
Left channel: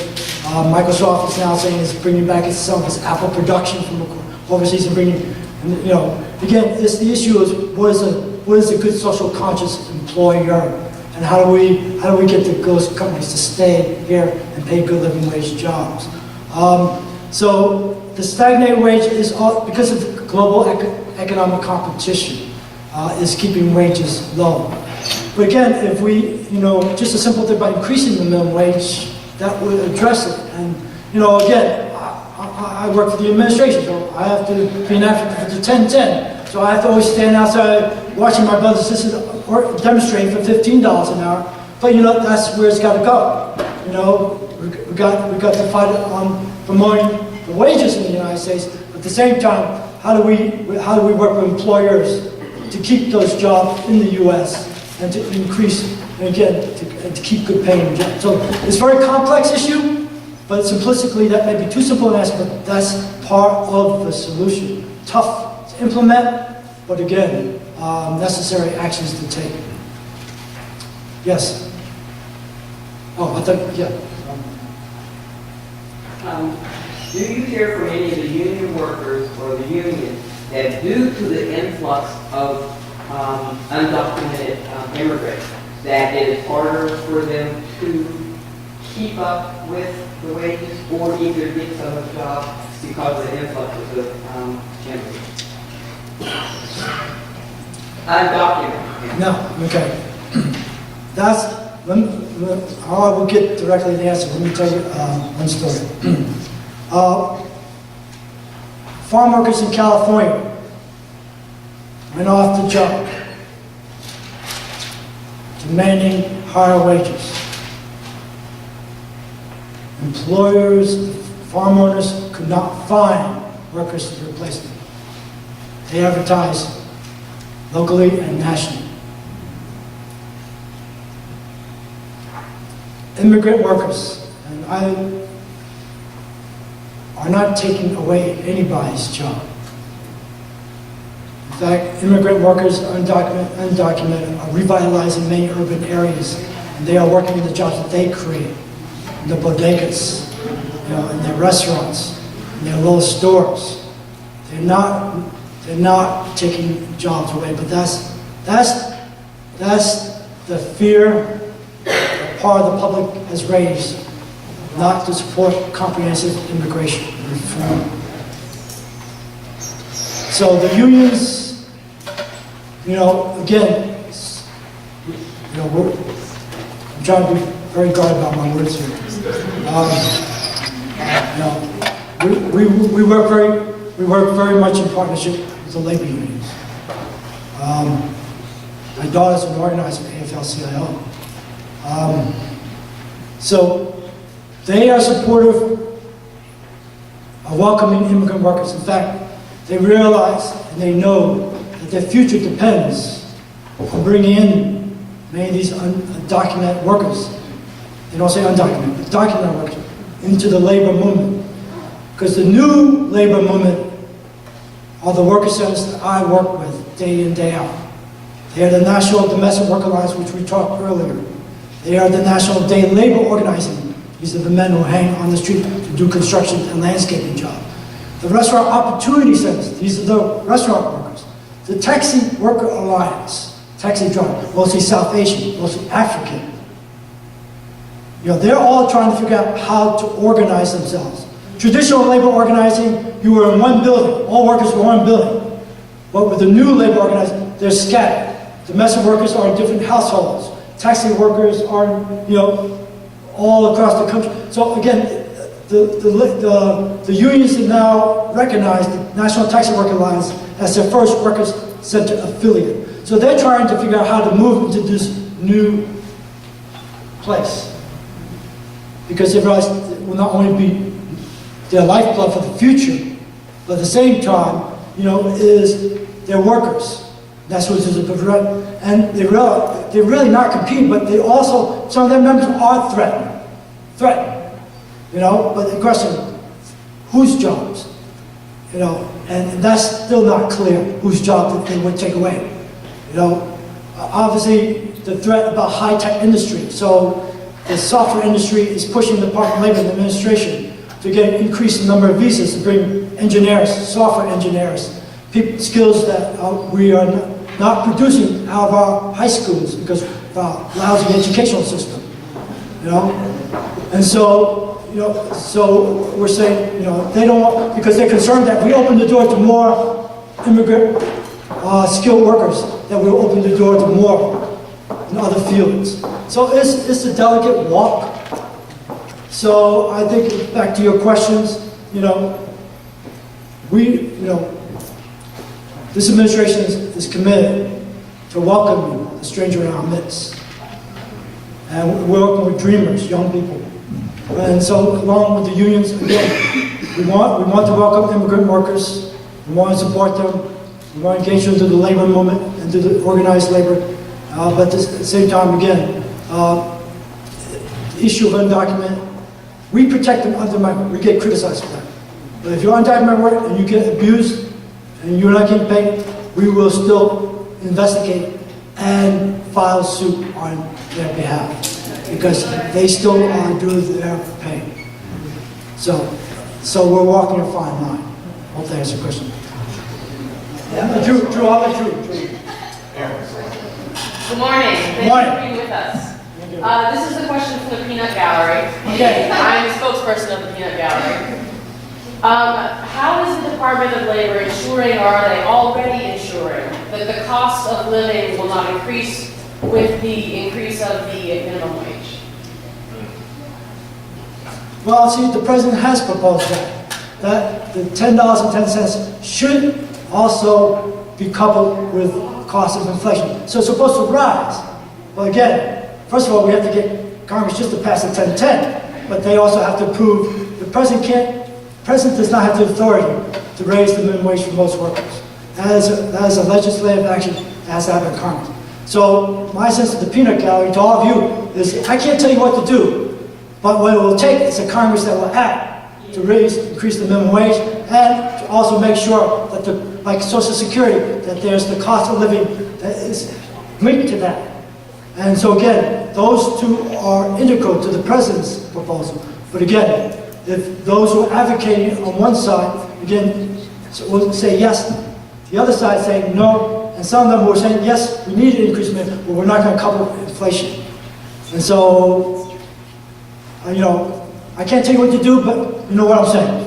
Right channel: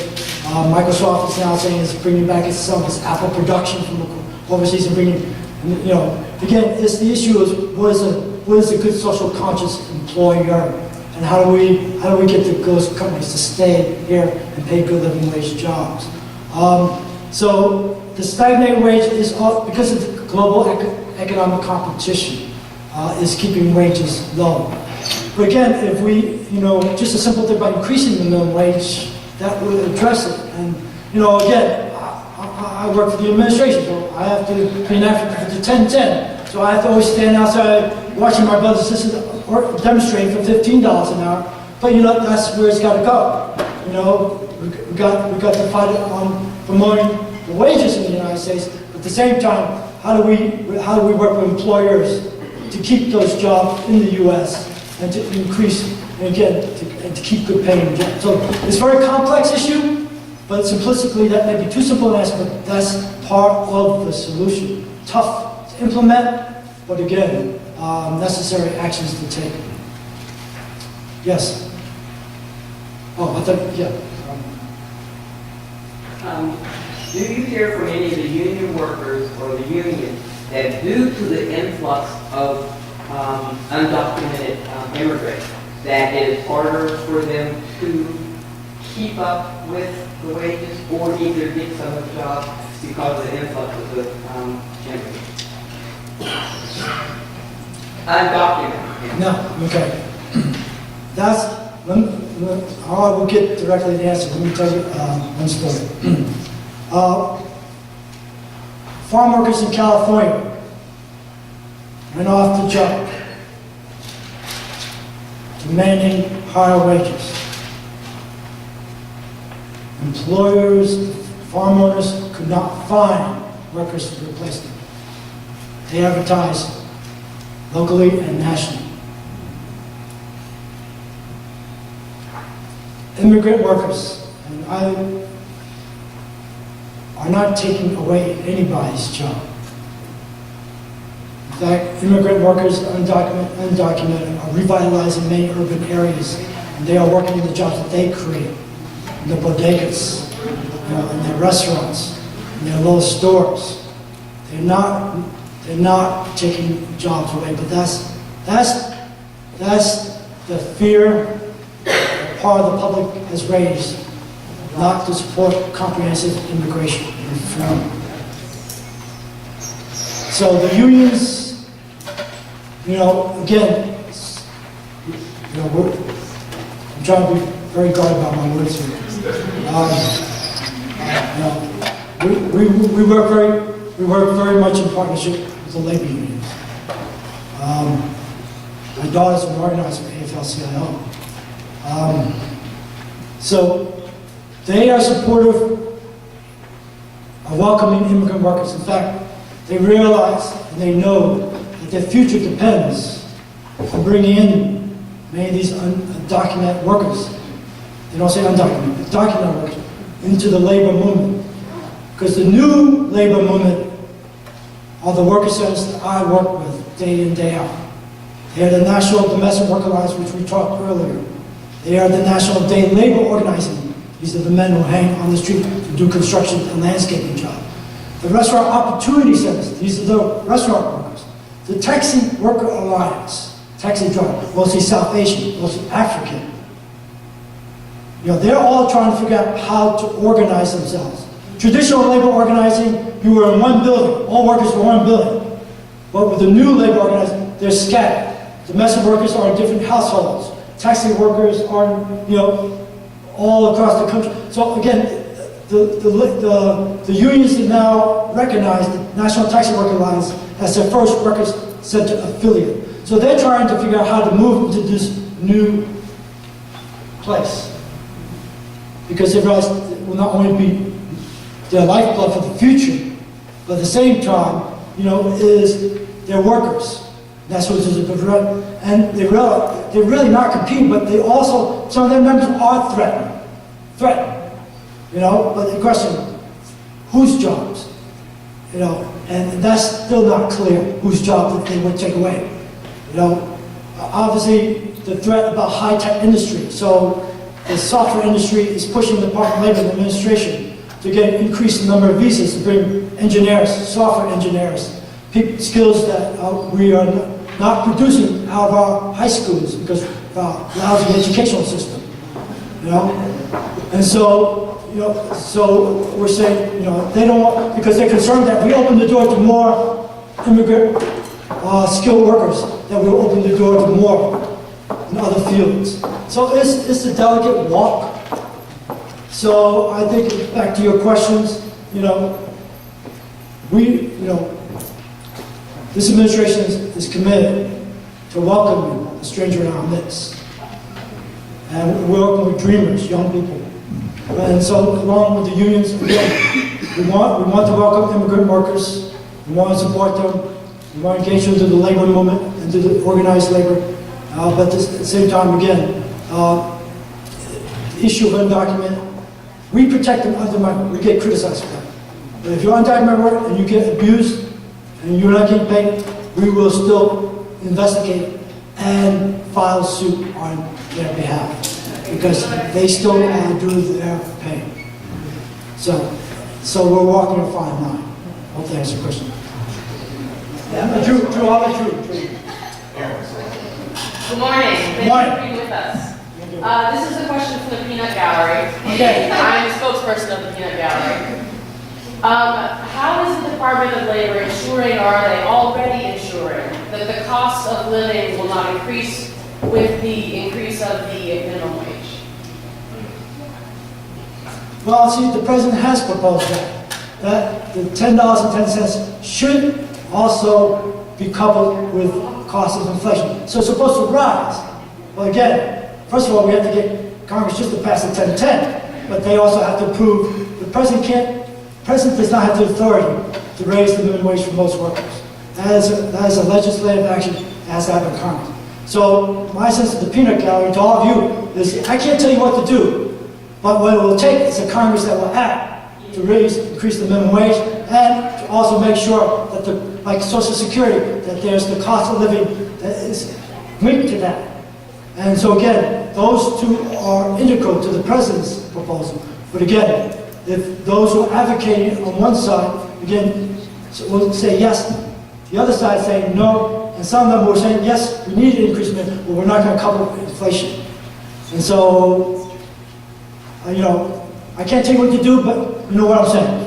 Microsoft is now saying it's bringing back some of its Apple production from overseas and bringing, you know, again, it's the issue is what is a good social conscious employer, and how do we get those companies to stay here and pay good living wage jobs? So the stagnated wage is all, because of the global economic competition, is keeping wages low. But again, if we, you know, just a simple thing by increasing the minimum wage, that would address it. And you know, again, I work for the administration, so I have to be an advocate for the 10-10. So I have to always stand outside watching my brothers and sisters demonstrate for $15 an hour. But you know, that's where it's got to go. You know, we got to fight on promoting the wages in the United States. But at the same time, how do we work with employers to keep those jobs in the U.S. and to increase, and again, to keep good paying jobs? So it's a very complex issue, but simplistically, that may be too simple an answer, but that's part of the solution. Tough to implement, but again, necessary actions to take. Yes? Oh, I thought, yeah. Do you hear from any of the union workers or the union that due to the influx of undocumented immigrants, that it is harder for them to keep up with the wages or either get some of the jobs because of the influx of the immigrants? Undocumented. No, okay. That's, I will get directly the answer. Let me tell you one story. Farm workers in California went off the job demanding higher wages. Employers, farm owners could not find workers to replace them. They advertised locally and nationally. Immigrant workers, and I are not taking away anybody's job. In fact, immigrant workers, undocumented, are revitalizing many urban areas, and they are working in the jobs that they create, in the bodegas, in their restaurants, in their little stores. They're not taking jobs away, but that's the fear that part of the public has raised, not to support comprehensive immigration reform. So the unions, again, I'm trying to be very guarded about my words here. We work very much in partnership with the labor unions. My daughter's an organizer with AFL-CIO. So they are supportive of welcoming immigrant workers. In fact, they realize and they know that their future depends on bringing in many of these undocumented workers. They don't say undocumented, but documented workers into the labor movement. Because the new labor movement are the worker centers that I work with day in, day out. They are the National Domestic Worker Alliance, which we talked earlier. They are the National Day Labor Organizing. These are the men who hang on the street to do construction and landscaping jobs. The Restaurant Opportunity Centers, these are the restaurant workers. The Taxi Worker Alliance, taxi driver, mostly South Asian, mostly African. They're all trying to figure out how to organize themselves. Traditional labor organizing, you were in one building, all workers were in one building. But with the new labor organizing, they're scattered. Domestic workers are in different households. Taxi workers are, all across the country. So again, the unions have now recognized the National Taxi Worker Alliance as their first workers center affiliate. So they're trying to figure out how to move into this new place. Because they realize it will not only be their lifeblood for the future, but at the same time, is their workers. That's what is a good threat. And they're really not competing, but they also, some of their members are threatened. But the question, whose jobs? And that's still not clear, whose job that they would take away. Obviously, the threat about high-tech industry. So the software industry is pushing the Department of Labor and Administration to get an increased number of visas to bring engineers, software engineers, skills that we are not producing out of our high schools because of our lousy educational system. And so, so we're saying, they don't want, because they're concerned that we open the door to more immigrant skilled workers, that we'll open the door to more in other fields. So it's a delicate walk. So I think, back to your questions, this administration is committed to welcoming the stranger in our midst. And we're working with dreamers, young people. And so along with the unions, again, we want to welcome immigrant workers. We want to support them. We want to engage them into the labor movement and to the organized labor. But at the same time, again, the issue of undocumented, we protect them under migrant. We get criticized for that. But if you're undocumented worker and you get abused and you're not getting paid, we will still investigate and file suit on their behalf because they still are due their pay. So we're walking a fine line. Hope that answers your question. Drew, I'll let Drew. Good morning. Thank you for being with us. This is a question from the Peanut Gallery. Okay. I'm the spokesperson of the Peanut Gallery. How is the Department of Labor ensuring, or are they already ensuring, that the cost of living will not increase with the increase of the minimum wage? Well, see, the president has proposed that the $10.10 should also be coupled with cost of inflation. So it's supposed to rise. Well, again, first of all, we have to get Congress just to pass the 1010, but they also have to approve. The president does not have the authority to raise the minimum wage for most workers. That is a legislative action that has to happen in Congress. So my sense of the peanut gallery to all of you is I can't tell you what to do, but what it will take is a Congress that will act to increase the minimum wage and to also make sure that like Social Security, that there's the cost of living that is linked to that. And so again, those two are integral to the president's proposal. But again, if those who are advocating on one side, again, will say yes, the other side saying no, and some of them were saying yes, we need an increase, but we're not going to couple inflation. And so, I can't tell you what to do, but you know what I'm saying.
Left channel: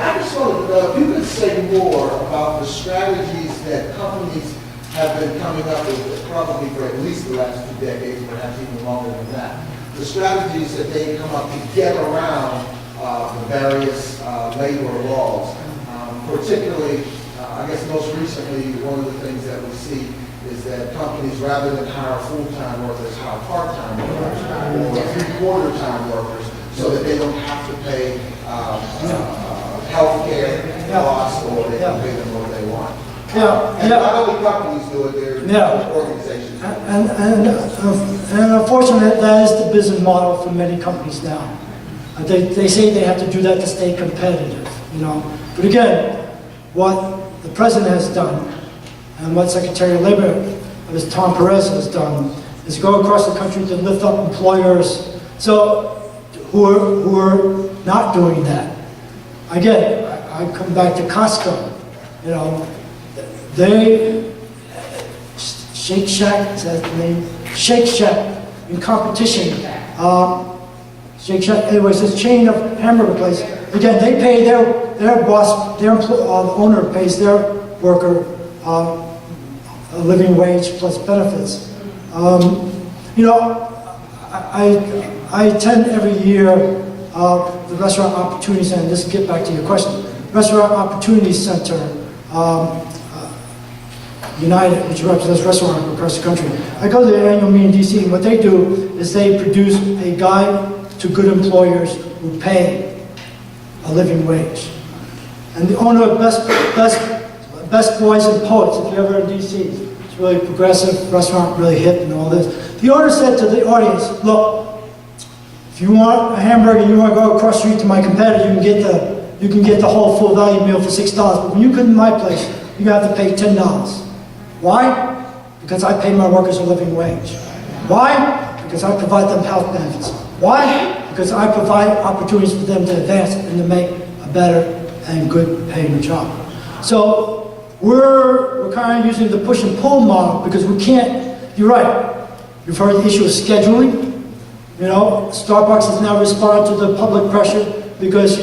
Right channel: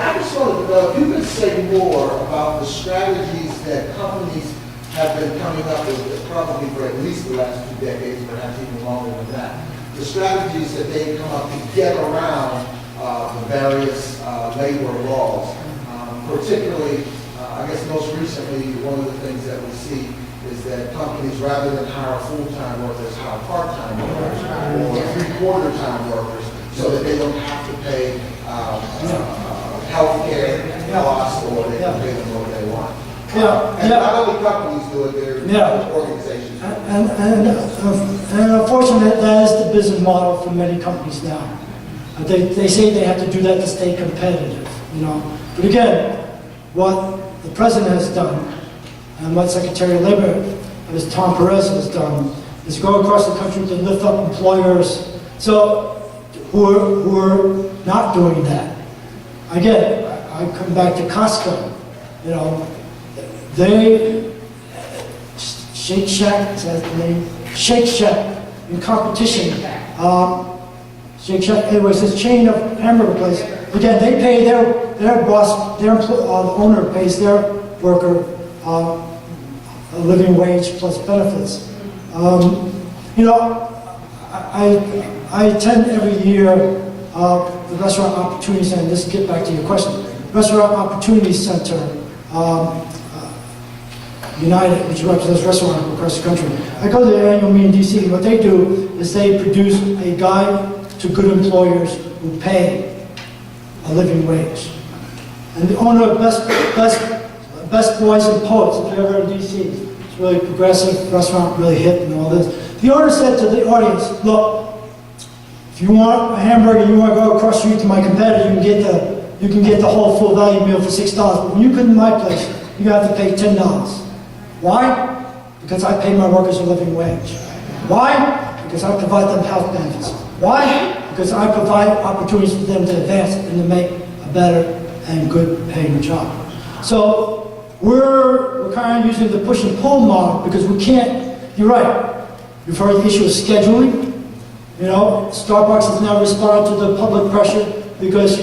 I just wanted to know if you could say more about the strategies that companies have been coming up with, probably for at least the last 2 decades, perhaps even longer than that. The strategies that they come up to get around the various labor laws. Particularly, I guess most recently, one of the things that we see is that companies, rather than hire full-time workers, hire part-time workers or three-quarter-time workers so that they don't have to pay health care costs or they can pay them what they want. And not only companies do it, they're organizations. And unfortunately, that is the business model for many companies now. They say they have to do that to stay competitive, But again, what the president has done and what Secretary of Labor, Tom Perez has done, is go across the country to lift up employers who are not doing that. Again, I come back to Costco. Shake Shack, is that the name? Shake Shack in competition. Shake Shack, anyways, this chain of hamburger place. Again, they pay their boss, the owner pays their worker a living wage plus benefits. I attend every year the Restaurant Opportunity Center. Just to get back to your question. Restaurant Opportunity Center, United, which represents restaurants across the country. I go to their annual meeting in DC, and what they do is they produce a guide to good employers who pay a living wage. And the owner of Best Boys and Poets, if you're ever in DC, it's really progressive restaurant, really hip and all this. The owner said to the audience, look, if you want a hamburger and you want to go across the street to my competitor, you can get the whole full value meal for $6. But when you come to my place, you're going to have to pay $10. Why? Because I pay my workers a living wage. Why? Because I provide them health benefits. Why? Because I provide opportunities for them to advance and to make a better and good paying job. So we're kind of using the push and pull model because we can't, you're right, you've heard the issue of scheduling. Starbucks has now responded to the public pressure because,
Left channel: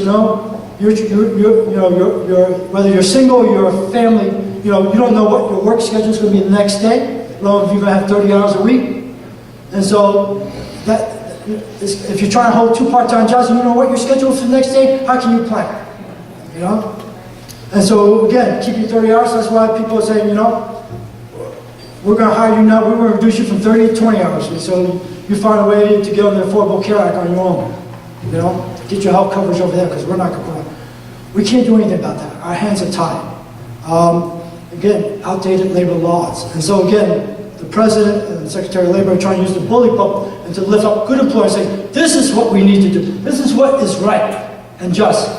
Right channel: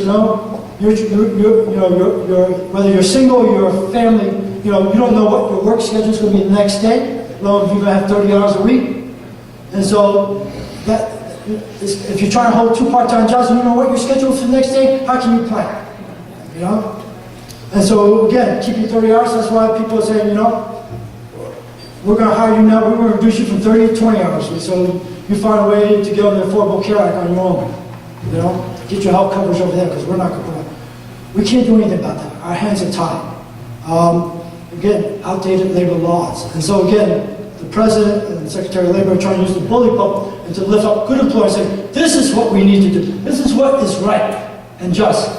whether you're single or you're a family, you don't know what your work schedule is going to be the next day, if you're going to have 30 hours a week. And so if you're trying to hold 2 part-time jobs and you know what your schedule is for the next day, how can you plan? And so again, keeping 30 hours, that's why people are saying, we're going to hire you now, we're going to reduce you from 30 to 20 hours. And so you find a way to get on the Affordable Care Act on your own. Get your health coverage over there because we're not going to. We can't do anything about that. Our hands are tied. Again, outdated labor laws. And so again, the President and the Secretary of Labor are trying to use the bully pulpit and to lift up good employers saying, this is what we need to do. This is what is right and just.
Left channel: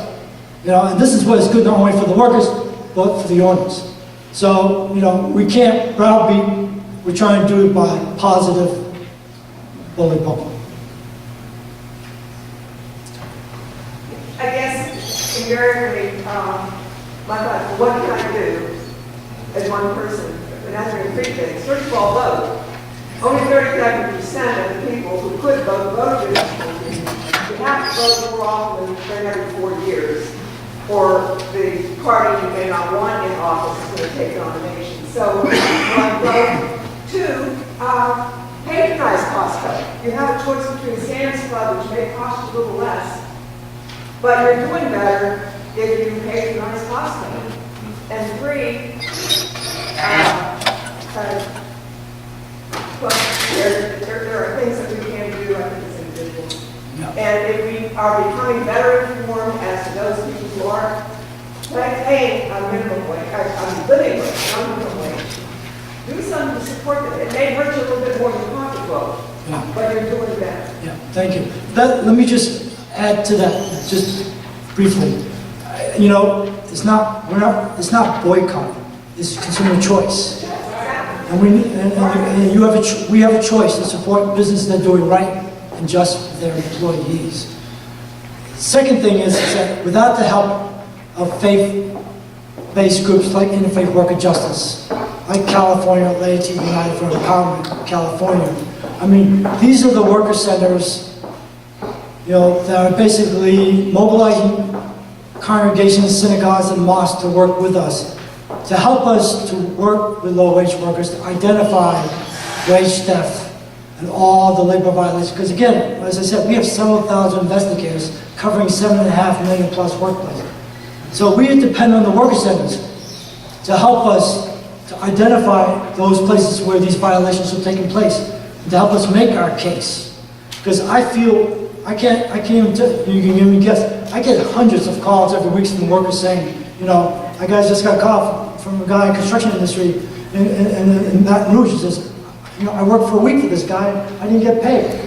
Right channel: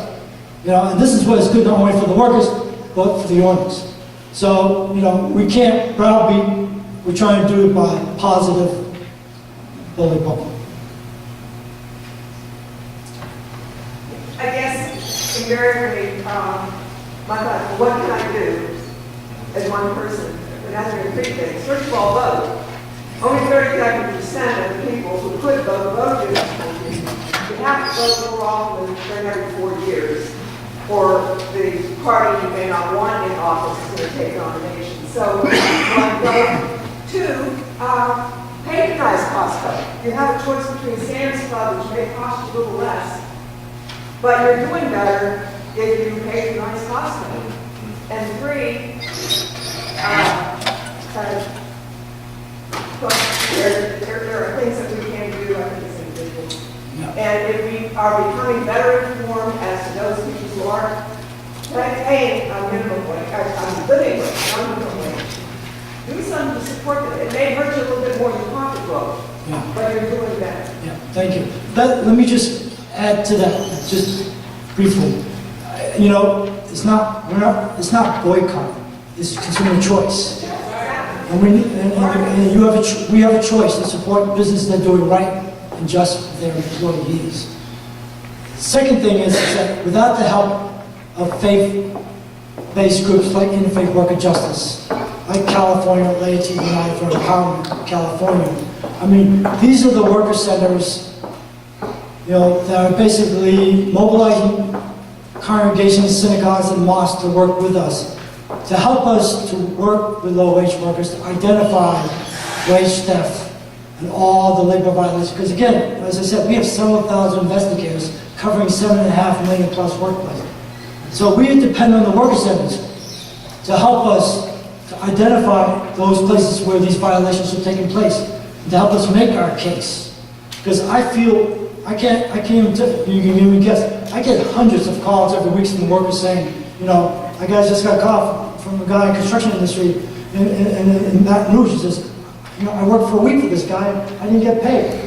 And this is what is good not only for the workers, but for the owners. So, we can't browbeat, we're trying to do it by positive bully public. I guess invariably, my thought, what can I do as one person when answering three things? First of all, vote. Only 37% of the people who could vote voted. You have to vote more often than every 4 years, or the party you may not want in office is going to take nominations. So, one vote. Two, patronize Costco. You have a choice between Sam's Club, which may cost you a little less, but you're doing better if you patronize Costco. And three, there are things that we can do, I think, as individuals. Yeah. And if we are becoming better informed as to those people who are paying a minimum wage, a living wage, not minimum wage, do something to support them. It may hurt you a little bit more than pocketbook, Yeah. but you're doing better. Yeah, thank you. Let me just add to that, just briefly. It's not boycotting. It's consumer choice. And we have a choice to support businesses that are doing right and just for their employees. Second thing is that without the help of faith-based groups like Interfaith Worker Justice, like California Laity United for Empowerment, California, these are the worker centers, that are basically mobilizing congregations, synagogues, and mosques to work with us, to help us to work with low-wage workers, to identify wage theft and all the labor violations. Because again, as I said, we have several thousand investigators covering 7.5 million plus workplaces. So we depend on the worker centers to help us to identify those places where these violations are taking place, and to help us make our case. Because I feel, I can't even tell you, can give me a guess, I get hundreds of calls every week from workers saying, I just got a call from a guy in the construction industry in Baton Rouge. He says, I worked for a week for this guy, I didn't get paid.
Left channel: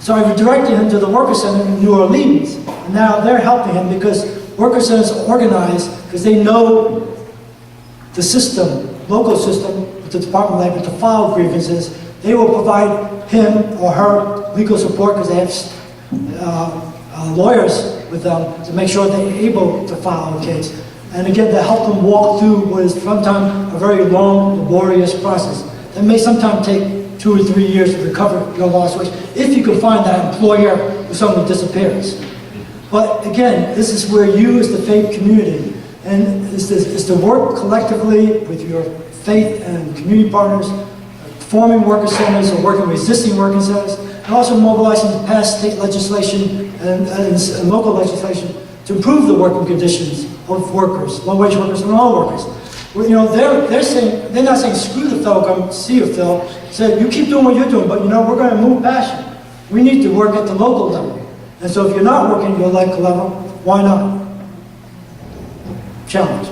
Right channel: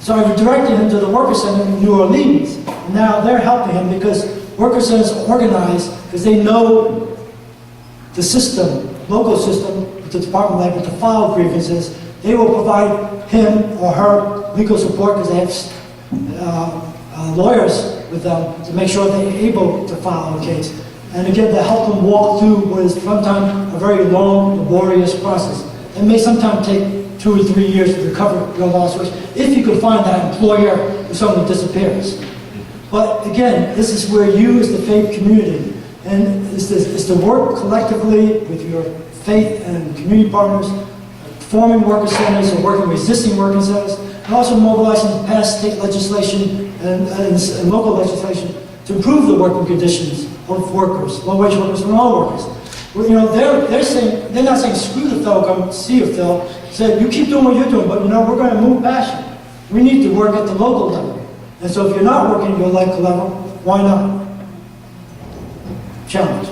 So I directed him to the worker center in New Orleans, and now they're helping him because worker centers are organized because they know the system, local system, with the Department of Labor to file grievances. They will provide him or her legal support because they have lawyers with them to make sure they're able to file a case. And again, to help them walk through what is sometimes a very long, laborious process. It may sometimes take 2 or 3 years to recover your lost wage, if you can find that employer who suddenly disappears. But again, this is where you as the faith community, and is to work collectively with your faith and community partners, forming worker centers or working with existing worker centers, and also mobilizing past state legislation and local legislation to improve the working conditions of workers, low-wage workers, and all workers. Well, they're not saying screw the Phil, come see you, Phil. Say you keep doing what you're doing, but we're going to move past you. We need to work at the local level. And so if you're not working at your local level, why not? Challenge.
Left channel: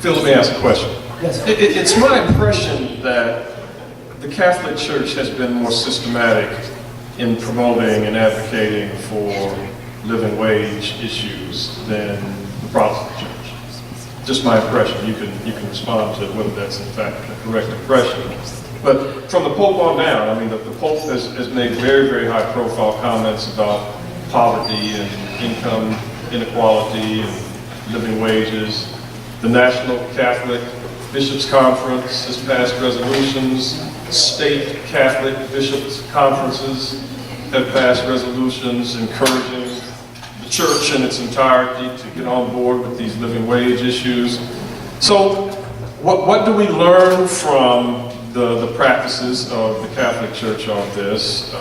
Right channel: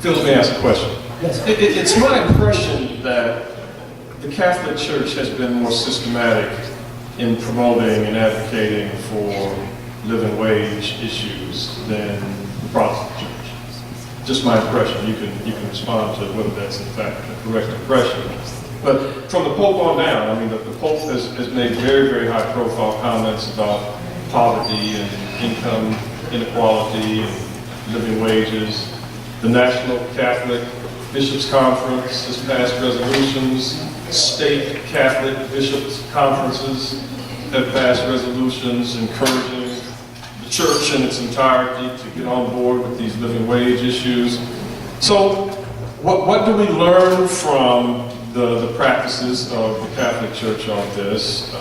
Phil, let me ask a question. Yes. It's my impression that the Catholic Church has been more systematic in promoting and advocating for living wage issues than the Protestant Church. Just my impression. You can respond to whether that's in fact the correct impression. But from the Pope on down, the Pope has made very, very high-profile comments about poverty and income inequality and living wages. The National Catholic Bishops' Conference has passed resolutions. State Catholic Bishops' Conferences have passed resolutions encouraging the church in its entirety to get on board with these living wage issues. So what do we learn from the practices of the Catholic Church on this?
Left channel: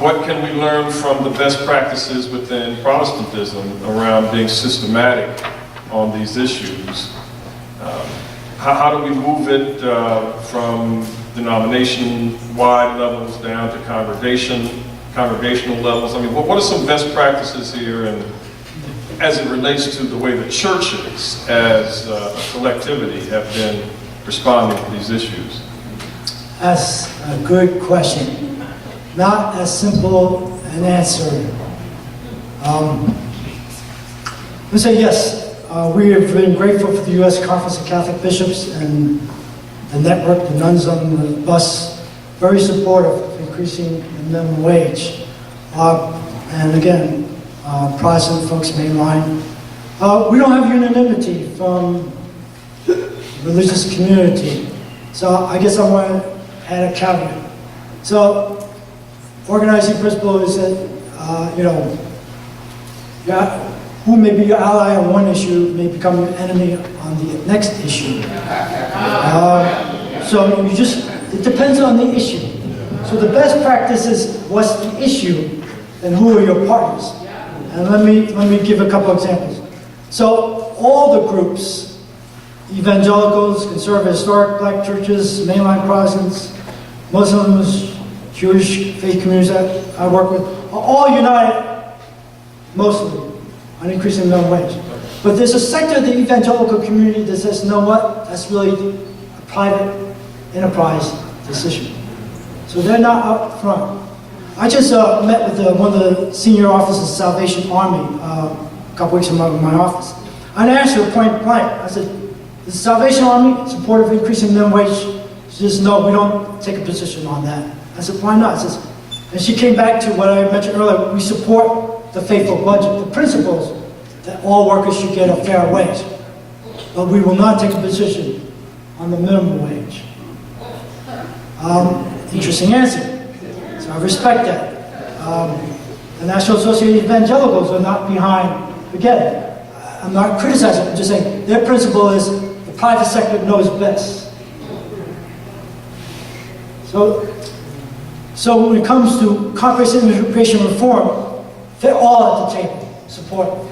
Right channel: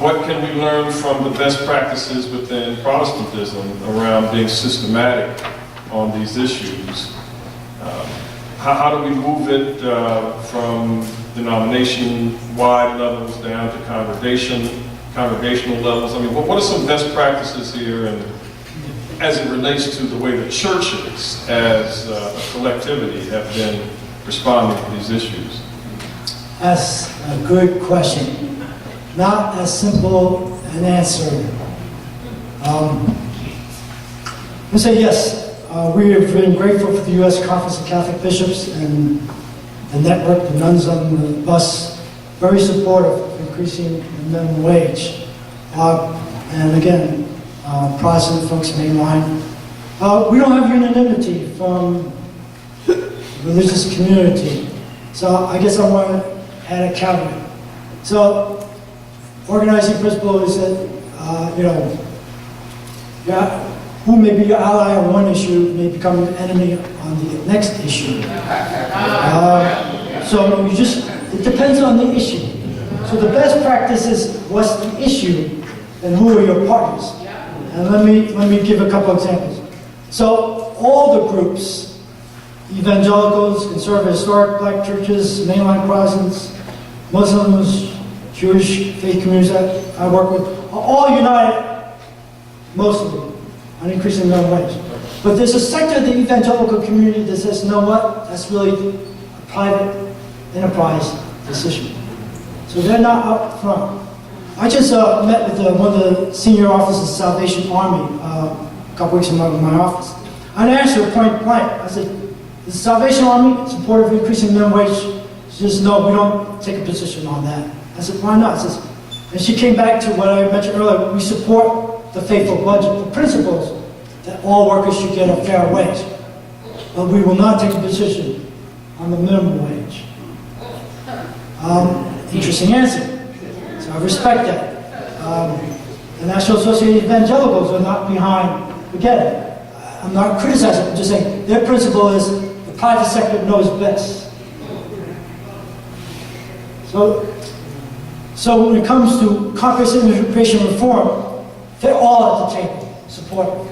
What can we learn from the best practices within Protestantism around being systematic on these issues? How do we move it from denomination-wide levels down to congregational levels? What are some best practices here, and as it relates to the way the churches as a collectivity have been responding to these issues? That's a good question. Not as simple an answer I say yes. We have been grateful for the U.S. Conference of Catholic Bishops and the network, the nuns on the bus, very supportive of increasing the minimum wage. And again, Protestant folks mainline. We don't have unanimity from the religious community. So I guess I want to add a caveat. So organizing principle is that, who may be your ally on one issue may become your enemy on the next issue. So it depends on the issue. So the best practice is what's the issue and who are your partners. And let me give a couple examples. So all the groups, evangelicals, conservative, historic black churches, mainline Protestants, Muslims, Jewish faith communities that I work with, are all united, mostly, on increasing minimum wage. But there's a sector of the evangelical community that says, you know what, that's really a private enterprise decision. So they're not up front. I just met with one of the senior officers of the Salvation Army a couple weeks ago in my office. I asked her point blank, I said, is the Salvation Army supportive of increasing minimum wage? She says, no, we don't take a position on that. I said, why not? And she came back to what I mentioned earlier, we support the faithful budget, the principles that all workers should get a fair wage. But we will not take a position on the minimum wage. Interesting answer. So I respect that. The National Association of Evangelicals are not behind, again, I'm not criticizing, I'm just saying their principle is the private sector knows best. So when it comes to comprehensive immigration reform, they're all at the table, support it.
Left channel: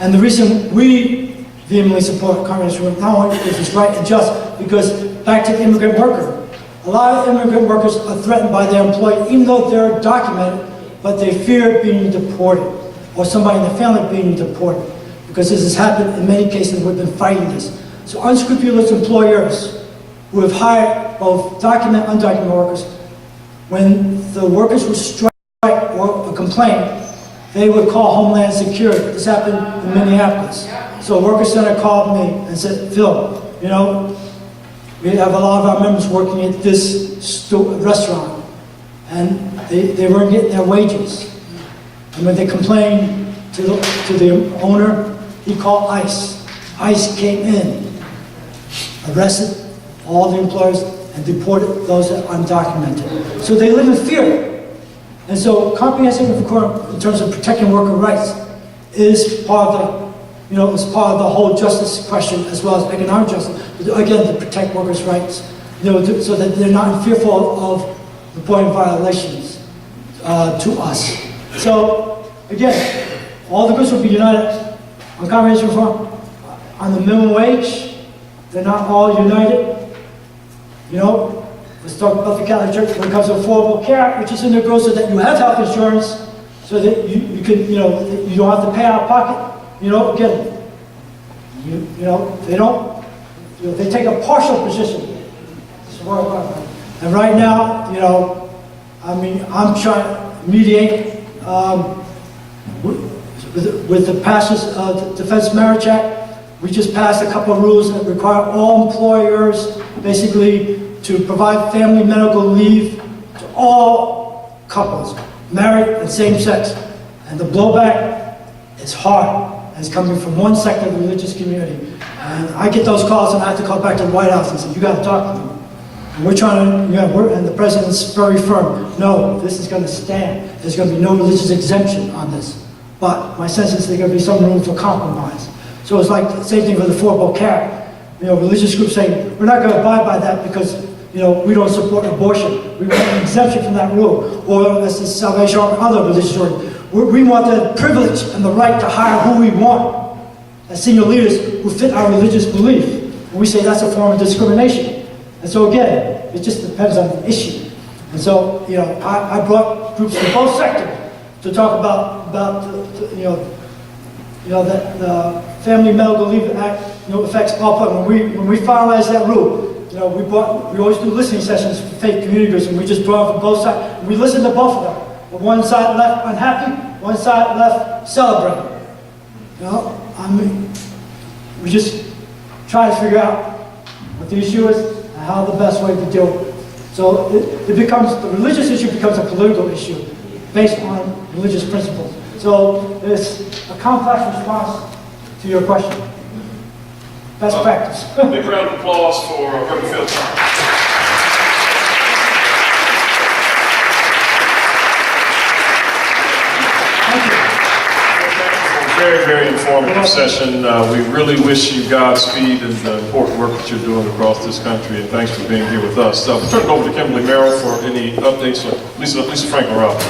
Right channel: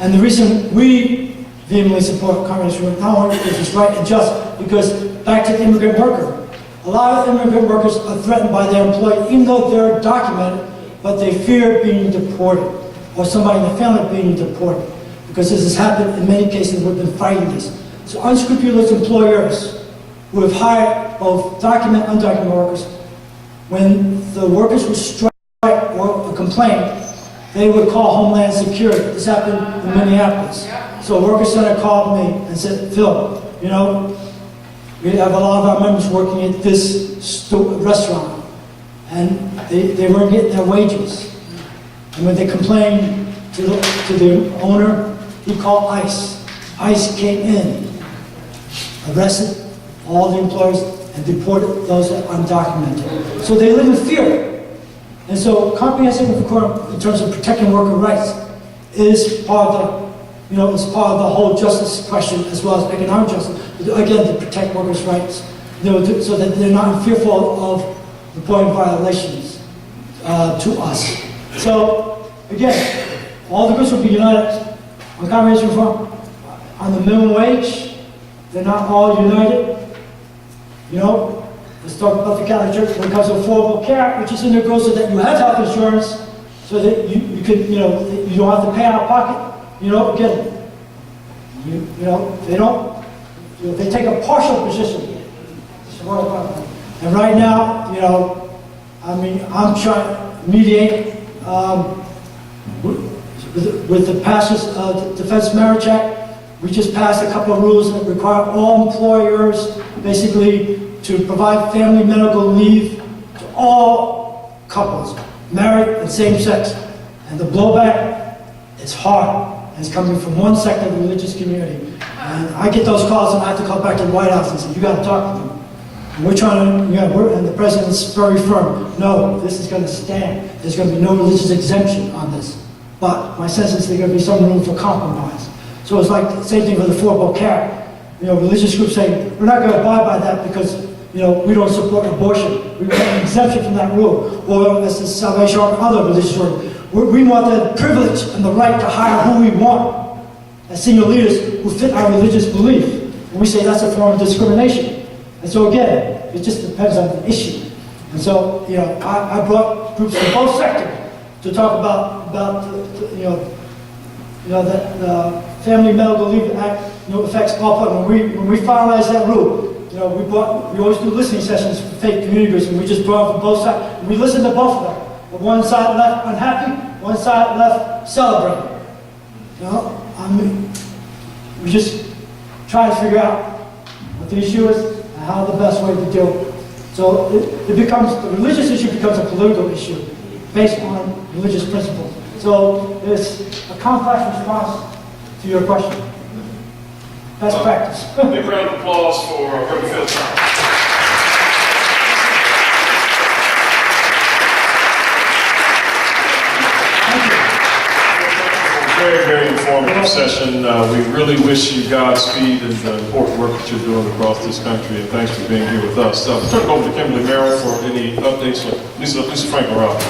And the reason we vehemently support comprehensive reform, not only because it's right and just, because back to the immigrant worker, a lot of immigrant workers are threatened by their employer, even though they're documented, but they fear being deported, or somebody in the family being deported, because this has happened in many cases. We've been fighting this. So unscrupulous employers who have hired both documented and undocumented workers, when the workers would strike or complain, they would call Homeland Security. This happened in Minneapolis. So a worker center called me and said, Phil, we have a lot of our members working at this restaurant, and they weren't getting their wages. And when they complained to the owner, he called ICE. ICE came in, arrested all the employers, and deported those that are undocumented. So they live in fear. And so comprehensive reform in terms of protecting worker rights is part of is part of the whole justice question, as well as economic justice. Again, to protect workers' rights, so that they're not fearful of reporting violations to us. So again, all the groups will be united on comprehensive reform. On the minimum wage, they're not all united. Let's talk about the Catholic Church when it comes to Affordable Care, which is in the goal so that you have health insurance, so that you can, you don't have to pay out of pocket. Again, they don't. They take a partial position. And right now, I'm trying to mediate with the passage of the Defense Marriage Act. We just passed a couple of rules that require all employers basically to provide family medical leave to all couples, married and same sex. And the blowback, it's hard. And it's coming from one sector of the religious community. And I get those calls and I have to call back to the White House and say, you got to talk to them. And we're trying to, and the president's very firm. No, this is going to stand. There's going to be no religious exemption on this. But my sense is there's going to be some room for compromise. So it's like the same thing with Affordable Care. Religious groups say, we're not going to abide by that because, we don't support abortion. We want an exemption from that rule. Or as the Salvation Army, other religious orders. We want the privilege and the right to hire who we want as senior leaders who fit our religious belief. And we say that's a form of discrimination. And so again, it just depends on the issue. And so, I brought groups from both sectors to talk about that the Family Medical Leave Act, affects all people. When we finalized that rule, we always do listening sessions for faith community groups, and we just brought it from both sides. And we listened to both of them. but one side left unhappy, one side left celebrating. You know, I mean, we just try to figure out what the issue is and how the best way to deal with it. So it becomes, the religious issue becomes a political issue based on religious principles. So it's a complex response to your question. Best practice. Big round of applause for Reverend Phil. Very, very informative session. We really wish you Godspeed in the important work that you're doing across this country, and thanks for being here with us. We'll turn it over to Kimberly Merrill for any updates. Lisa Franklin Robb.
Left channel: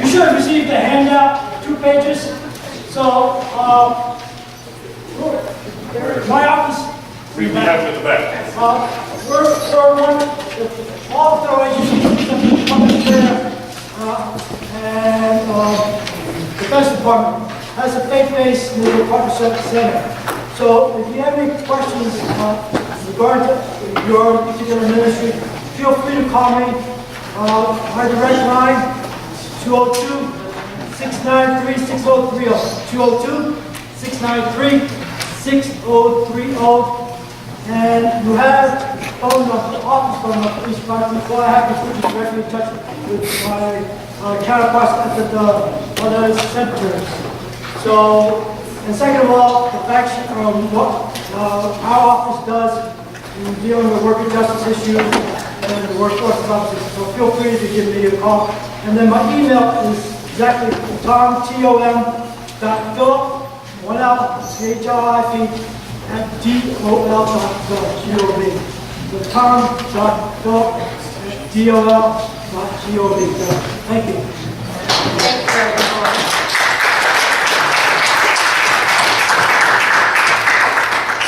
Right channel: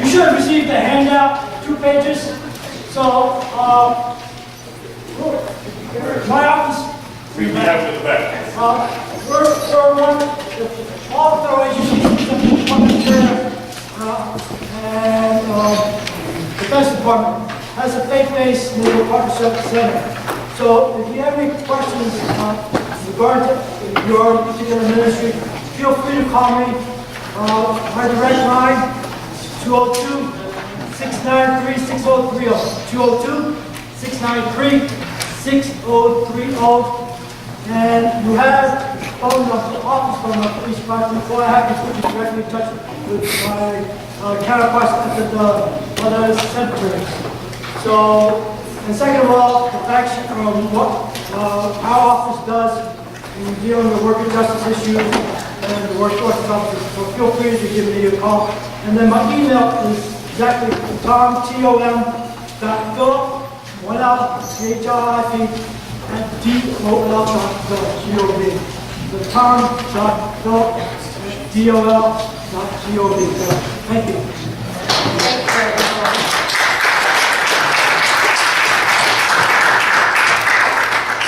You should have received a handout, 2 pages. So, my office. We have it in the back. We're one, all of our agencies, the public care, and Defense Department has a faith-based legal partnership center. So if you have any questions regarding to your particular ministry, feel free to call me. My direct line, 202-693-6030, 202-693-6030. And you have phone number, office phone number, each department. All I have is put you directly in touch with my counterparts at the other secretaries. So, and second of all, the fact what our office does in dealing with worker justice issues and the workforce officers. So feel free to give me a call. And then my email is exactly tom.philip, one L, CHRIP, at DOL.gov. The tom.philip@DOL.gov. Thank you. Thank you very much.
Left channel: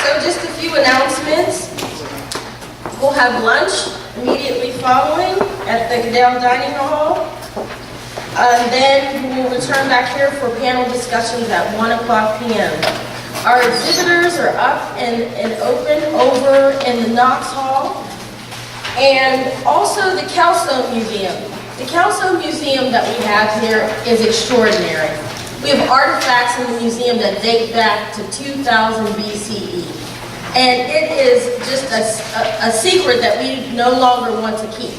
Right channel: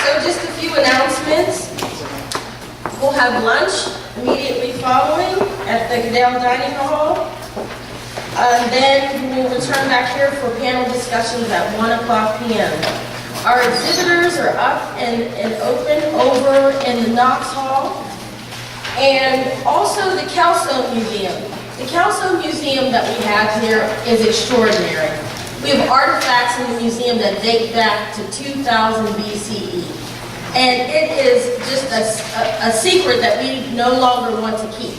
So just a few announcements. We'll have lunch immediately following at the Goodell Dining Hall. Then we'll return back here for panel discussions at 1:00 p.m. Our exhibitors are up and open over in the Knox Hall. And also the Kelso Museum. The Kelso Museum that we have here is extraordinary. We have artifacts in the museum that date back to 2000 BCE. And it is just a secret that we no longer want to keep.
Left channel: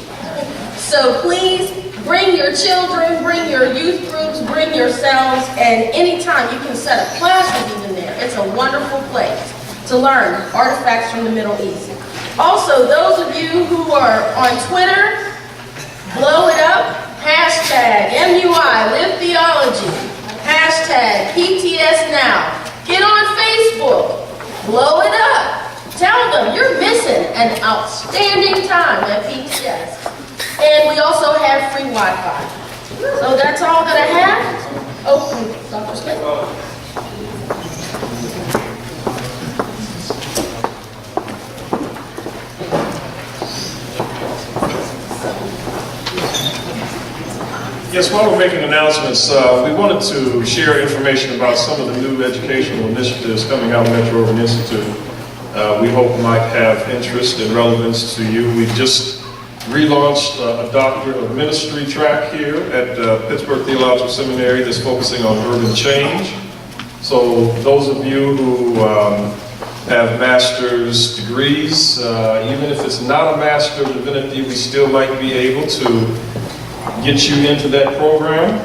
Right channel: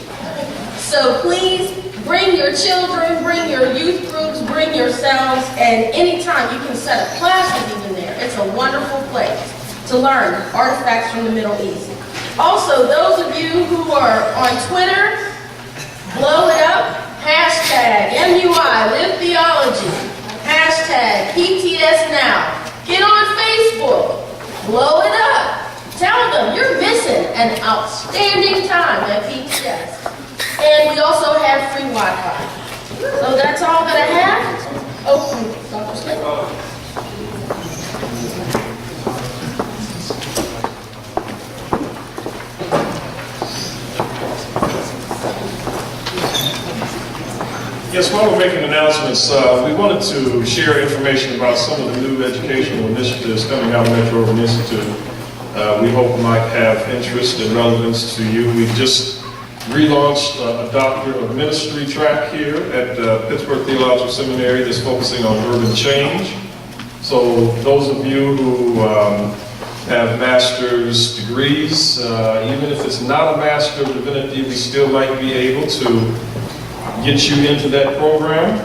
So please bring your children, bring your youth groups, bring yourselves, and anytime you can set up classes even there. It's a wonderful place to learn artifacts from the Middle East. Also, those of you who are on Twitter, blow it up, hashtag MUI, Live Theology, hashtag PTS Now. Get on Facebook, blow it up. Tell them you're missing an outstanding time at PTS. And we also have free Wi-Fi. So that's all that I have. Oh, Dr. Smith. Yes, while we're making announcements, we wanted to share information about some of the new educational initiatives coming out of Metro Urban Institute. We hope might have interest and relevance to you. We've just relaunched a Doctor of Ministry track here at Pittsburgh Theological Seminary that's focusing on urban change. So those of you who have master's degrees, even if it's not a Master of Divinity, we still might be able to get you into that program.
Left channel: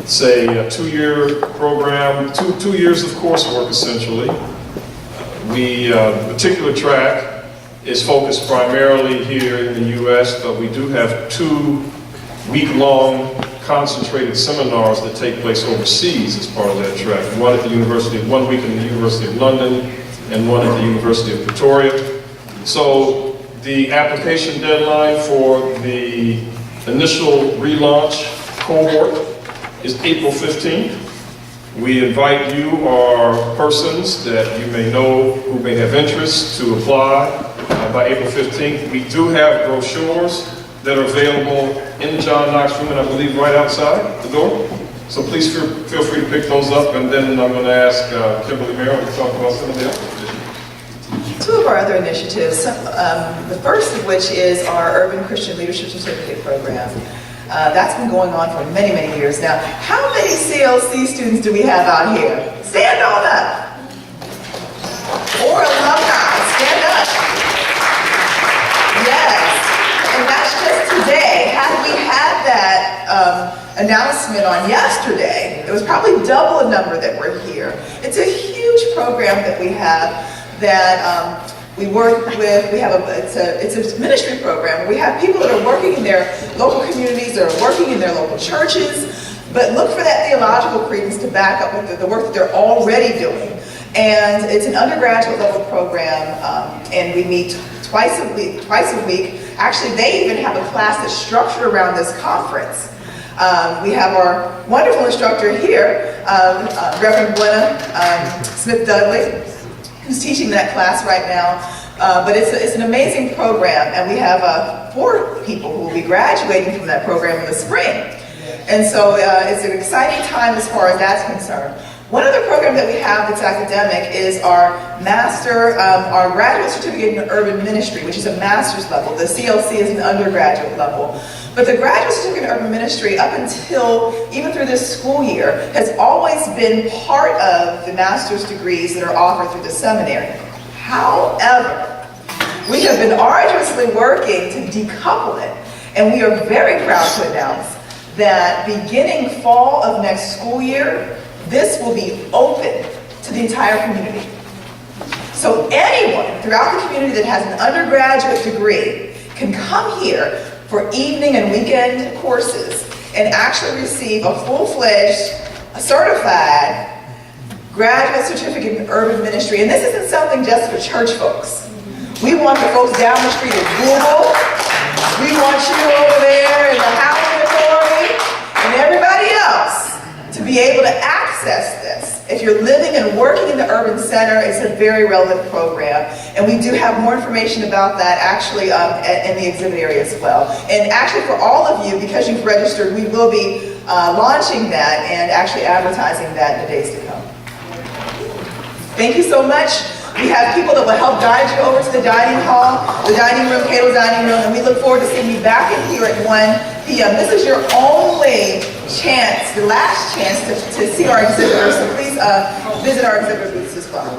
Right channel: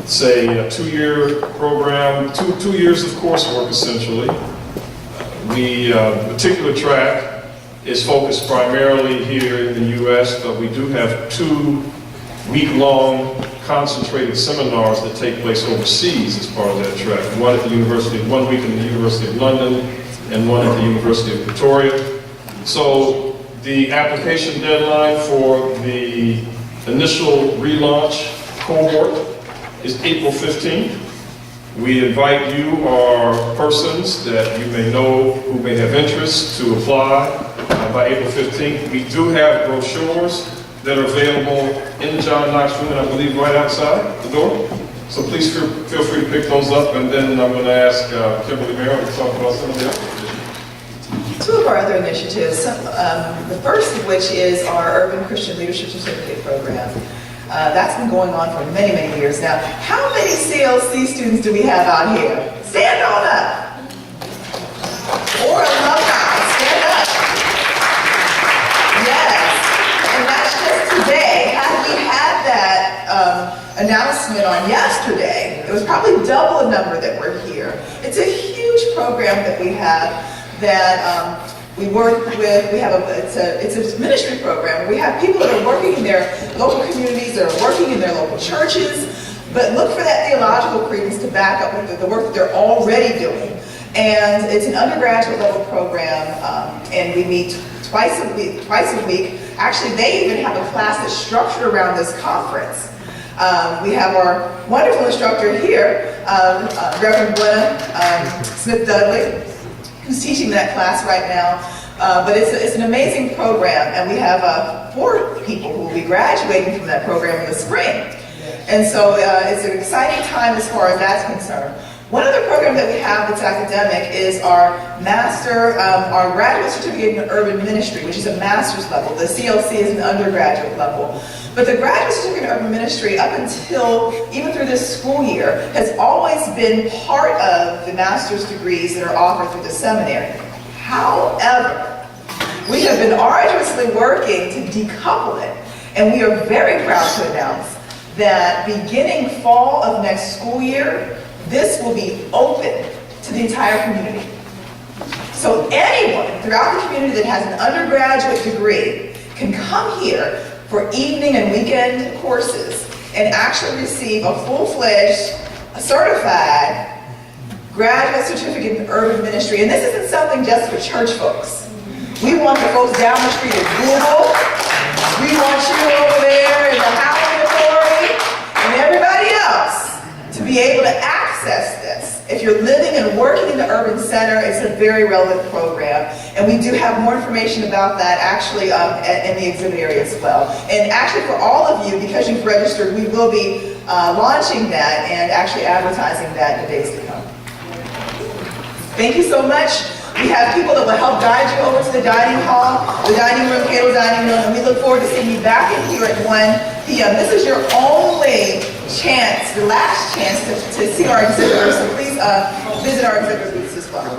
It's a 2-year program, two years of coursework essentially. The particular track is focused primarily here in the U.S., but we do have 2 week-long concentrated seminars that take place overseas as part of that track. One at the University, 1 week in the University of London, and one at the University of Pretoria. So the application deadline for the initial relaunch cohort is April 15th. We invite you or persons that you may know who may have interest to apply by April 15th. We do have brochures that are available in the John Knox room, and I believe right outside the door. So please feel free to pick those up, and then I'm going to ask Kimberly Merrill to talk about some of the other initiatives. Two of our other initiatives, the first of which is our Urban Christian Leadership Certificate Program. That's been going on for many, many years now. How many CLC students do we have out here? Stand on up. Or alumni, stand up. Yes, and that's just today. Had we had that announcement on yesterday, it was probably double the number that were here. It's a huge program that we have that we work with. We have it's a ministry program. We have people that are working in their local communities, that are working in their local churches, but look for that theological credence to back up with the work that they're already doing. And it's an undergraduate level program, and we meet twice a week. Actually, they even have a class that's structured around this conference. We have our wonderful instructor here, Reverend Glenna Smith-Dudley, who's teaching that class right now. But it's an amazing program, and we have 4 people who will be graduating from that program in the spring. And so it's an exciting time as far as that's concerned. One other program that we have that's academic is our our graduate certificate in urban ministry, which is a master's level. The CLC is an undergraduate level. But the graduate certificate in urban ministry, up until even through this school year, has always been part of the master's degrees that are offered through the seminary. However, we have been arduously working to decouple it, and we are very proud to announce that beginning fall of next school year, this will be open to the entire community. So anyone throughout the community that has an undergraduate degree can come here for evening and weekend courses and actually receive a full-fledged, certified graduate certificate in urban ministry. And this isn't something just for church folks. We want the folks down the street at Google. We want you over there in the housing authority and everybody else to be able to access this. If you're living and working in the urban center, it's a very relevant program. And we do have more information about that actually in the exhibit area as well. And actually for all of you, because you've registered, we will be launching that and actually advertising that in the days to come. Thank you so much. We have people that will help guide you over to the dining hall, the dining room, Cato dining room, and we look forward to seeing you back in here at 1 p.m. This is your only chance, the last chance to see our exhibitors, so please visit our exhibit booths as well.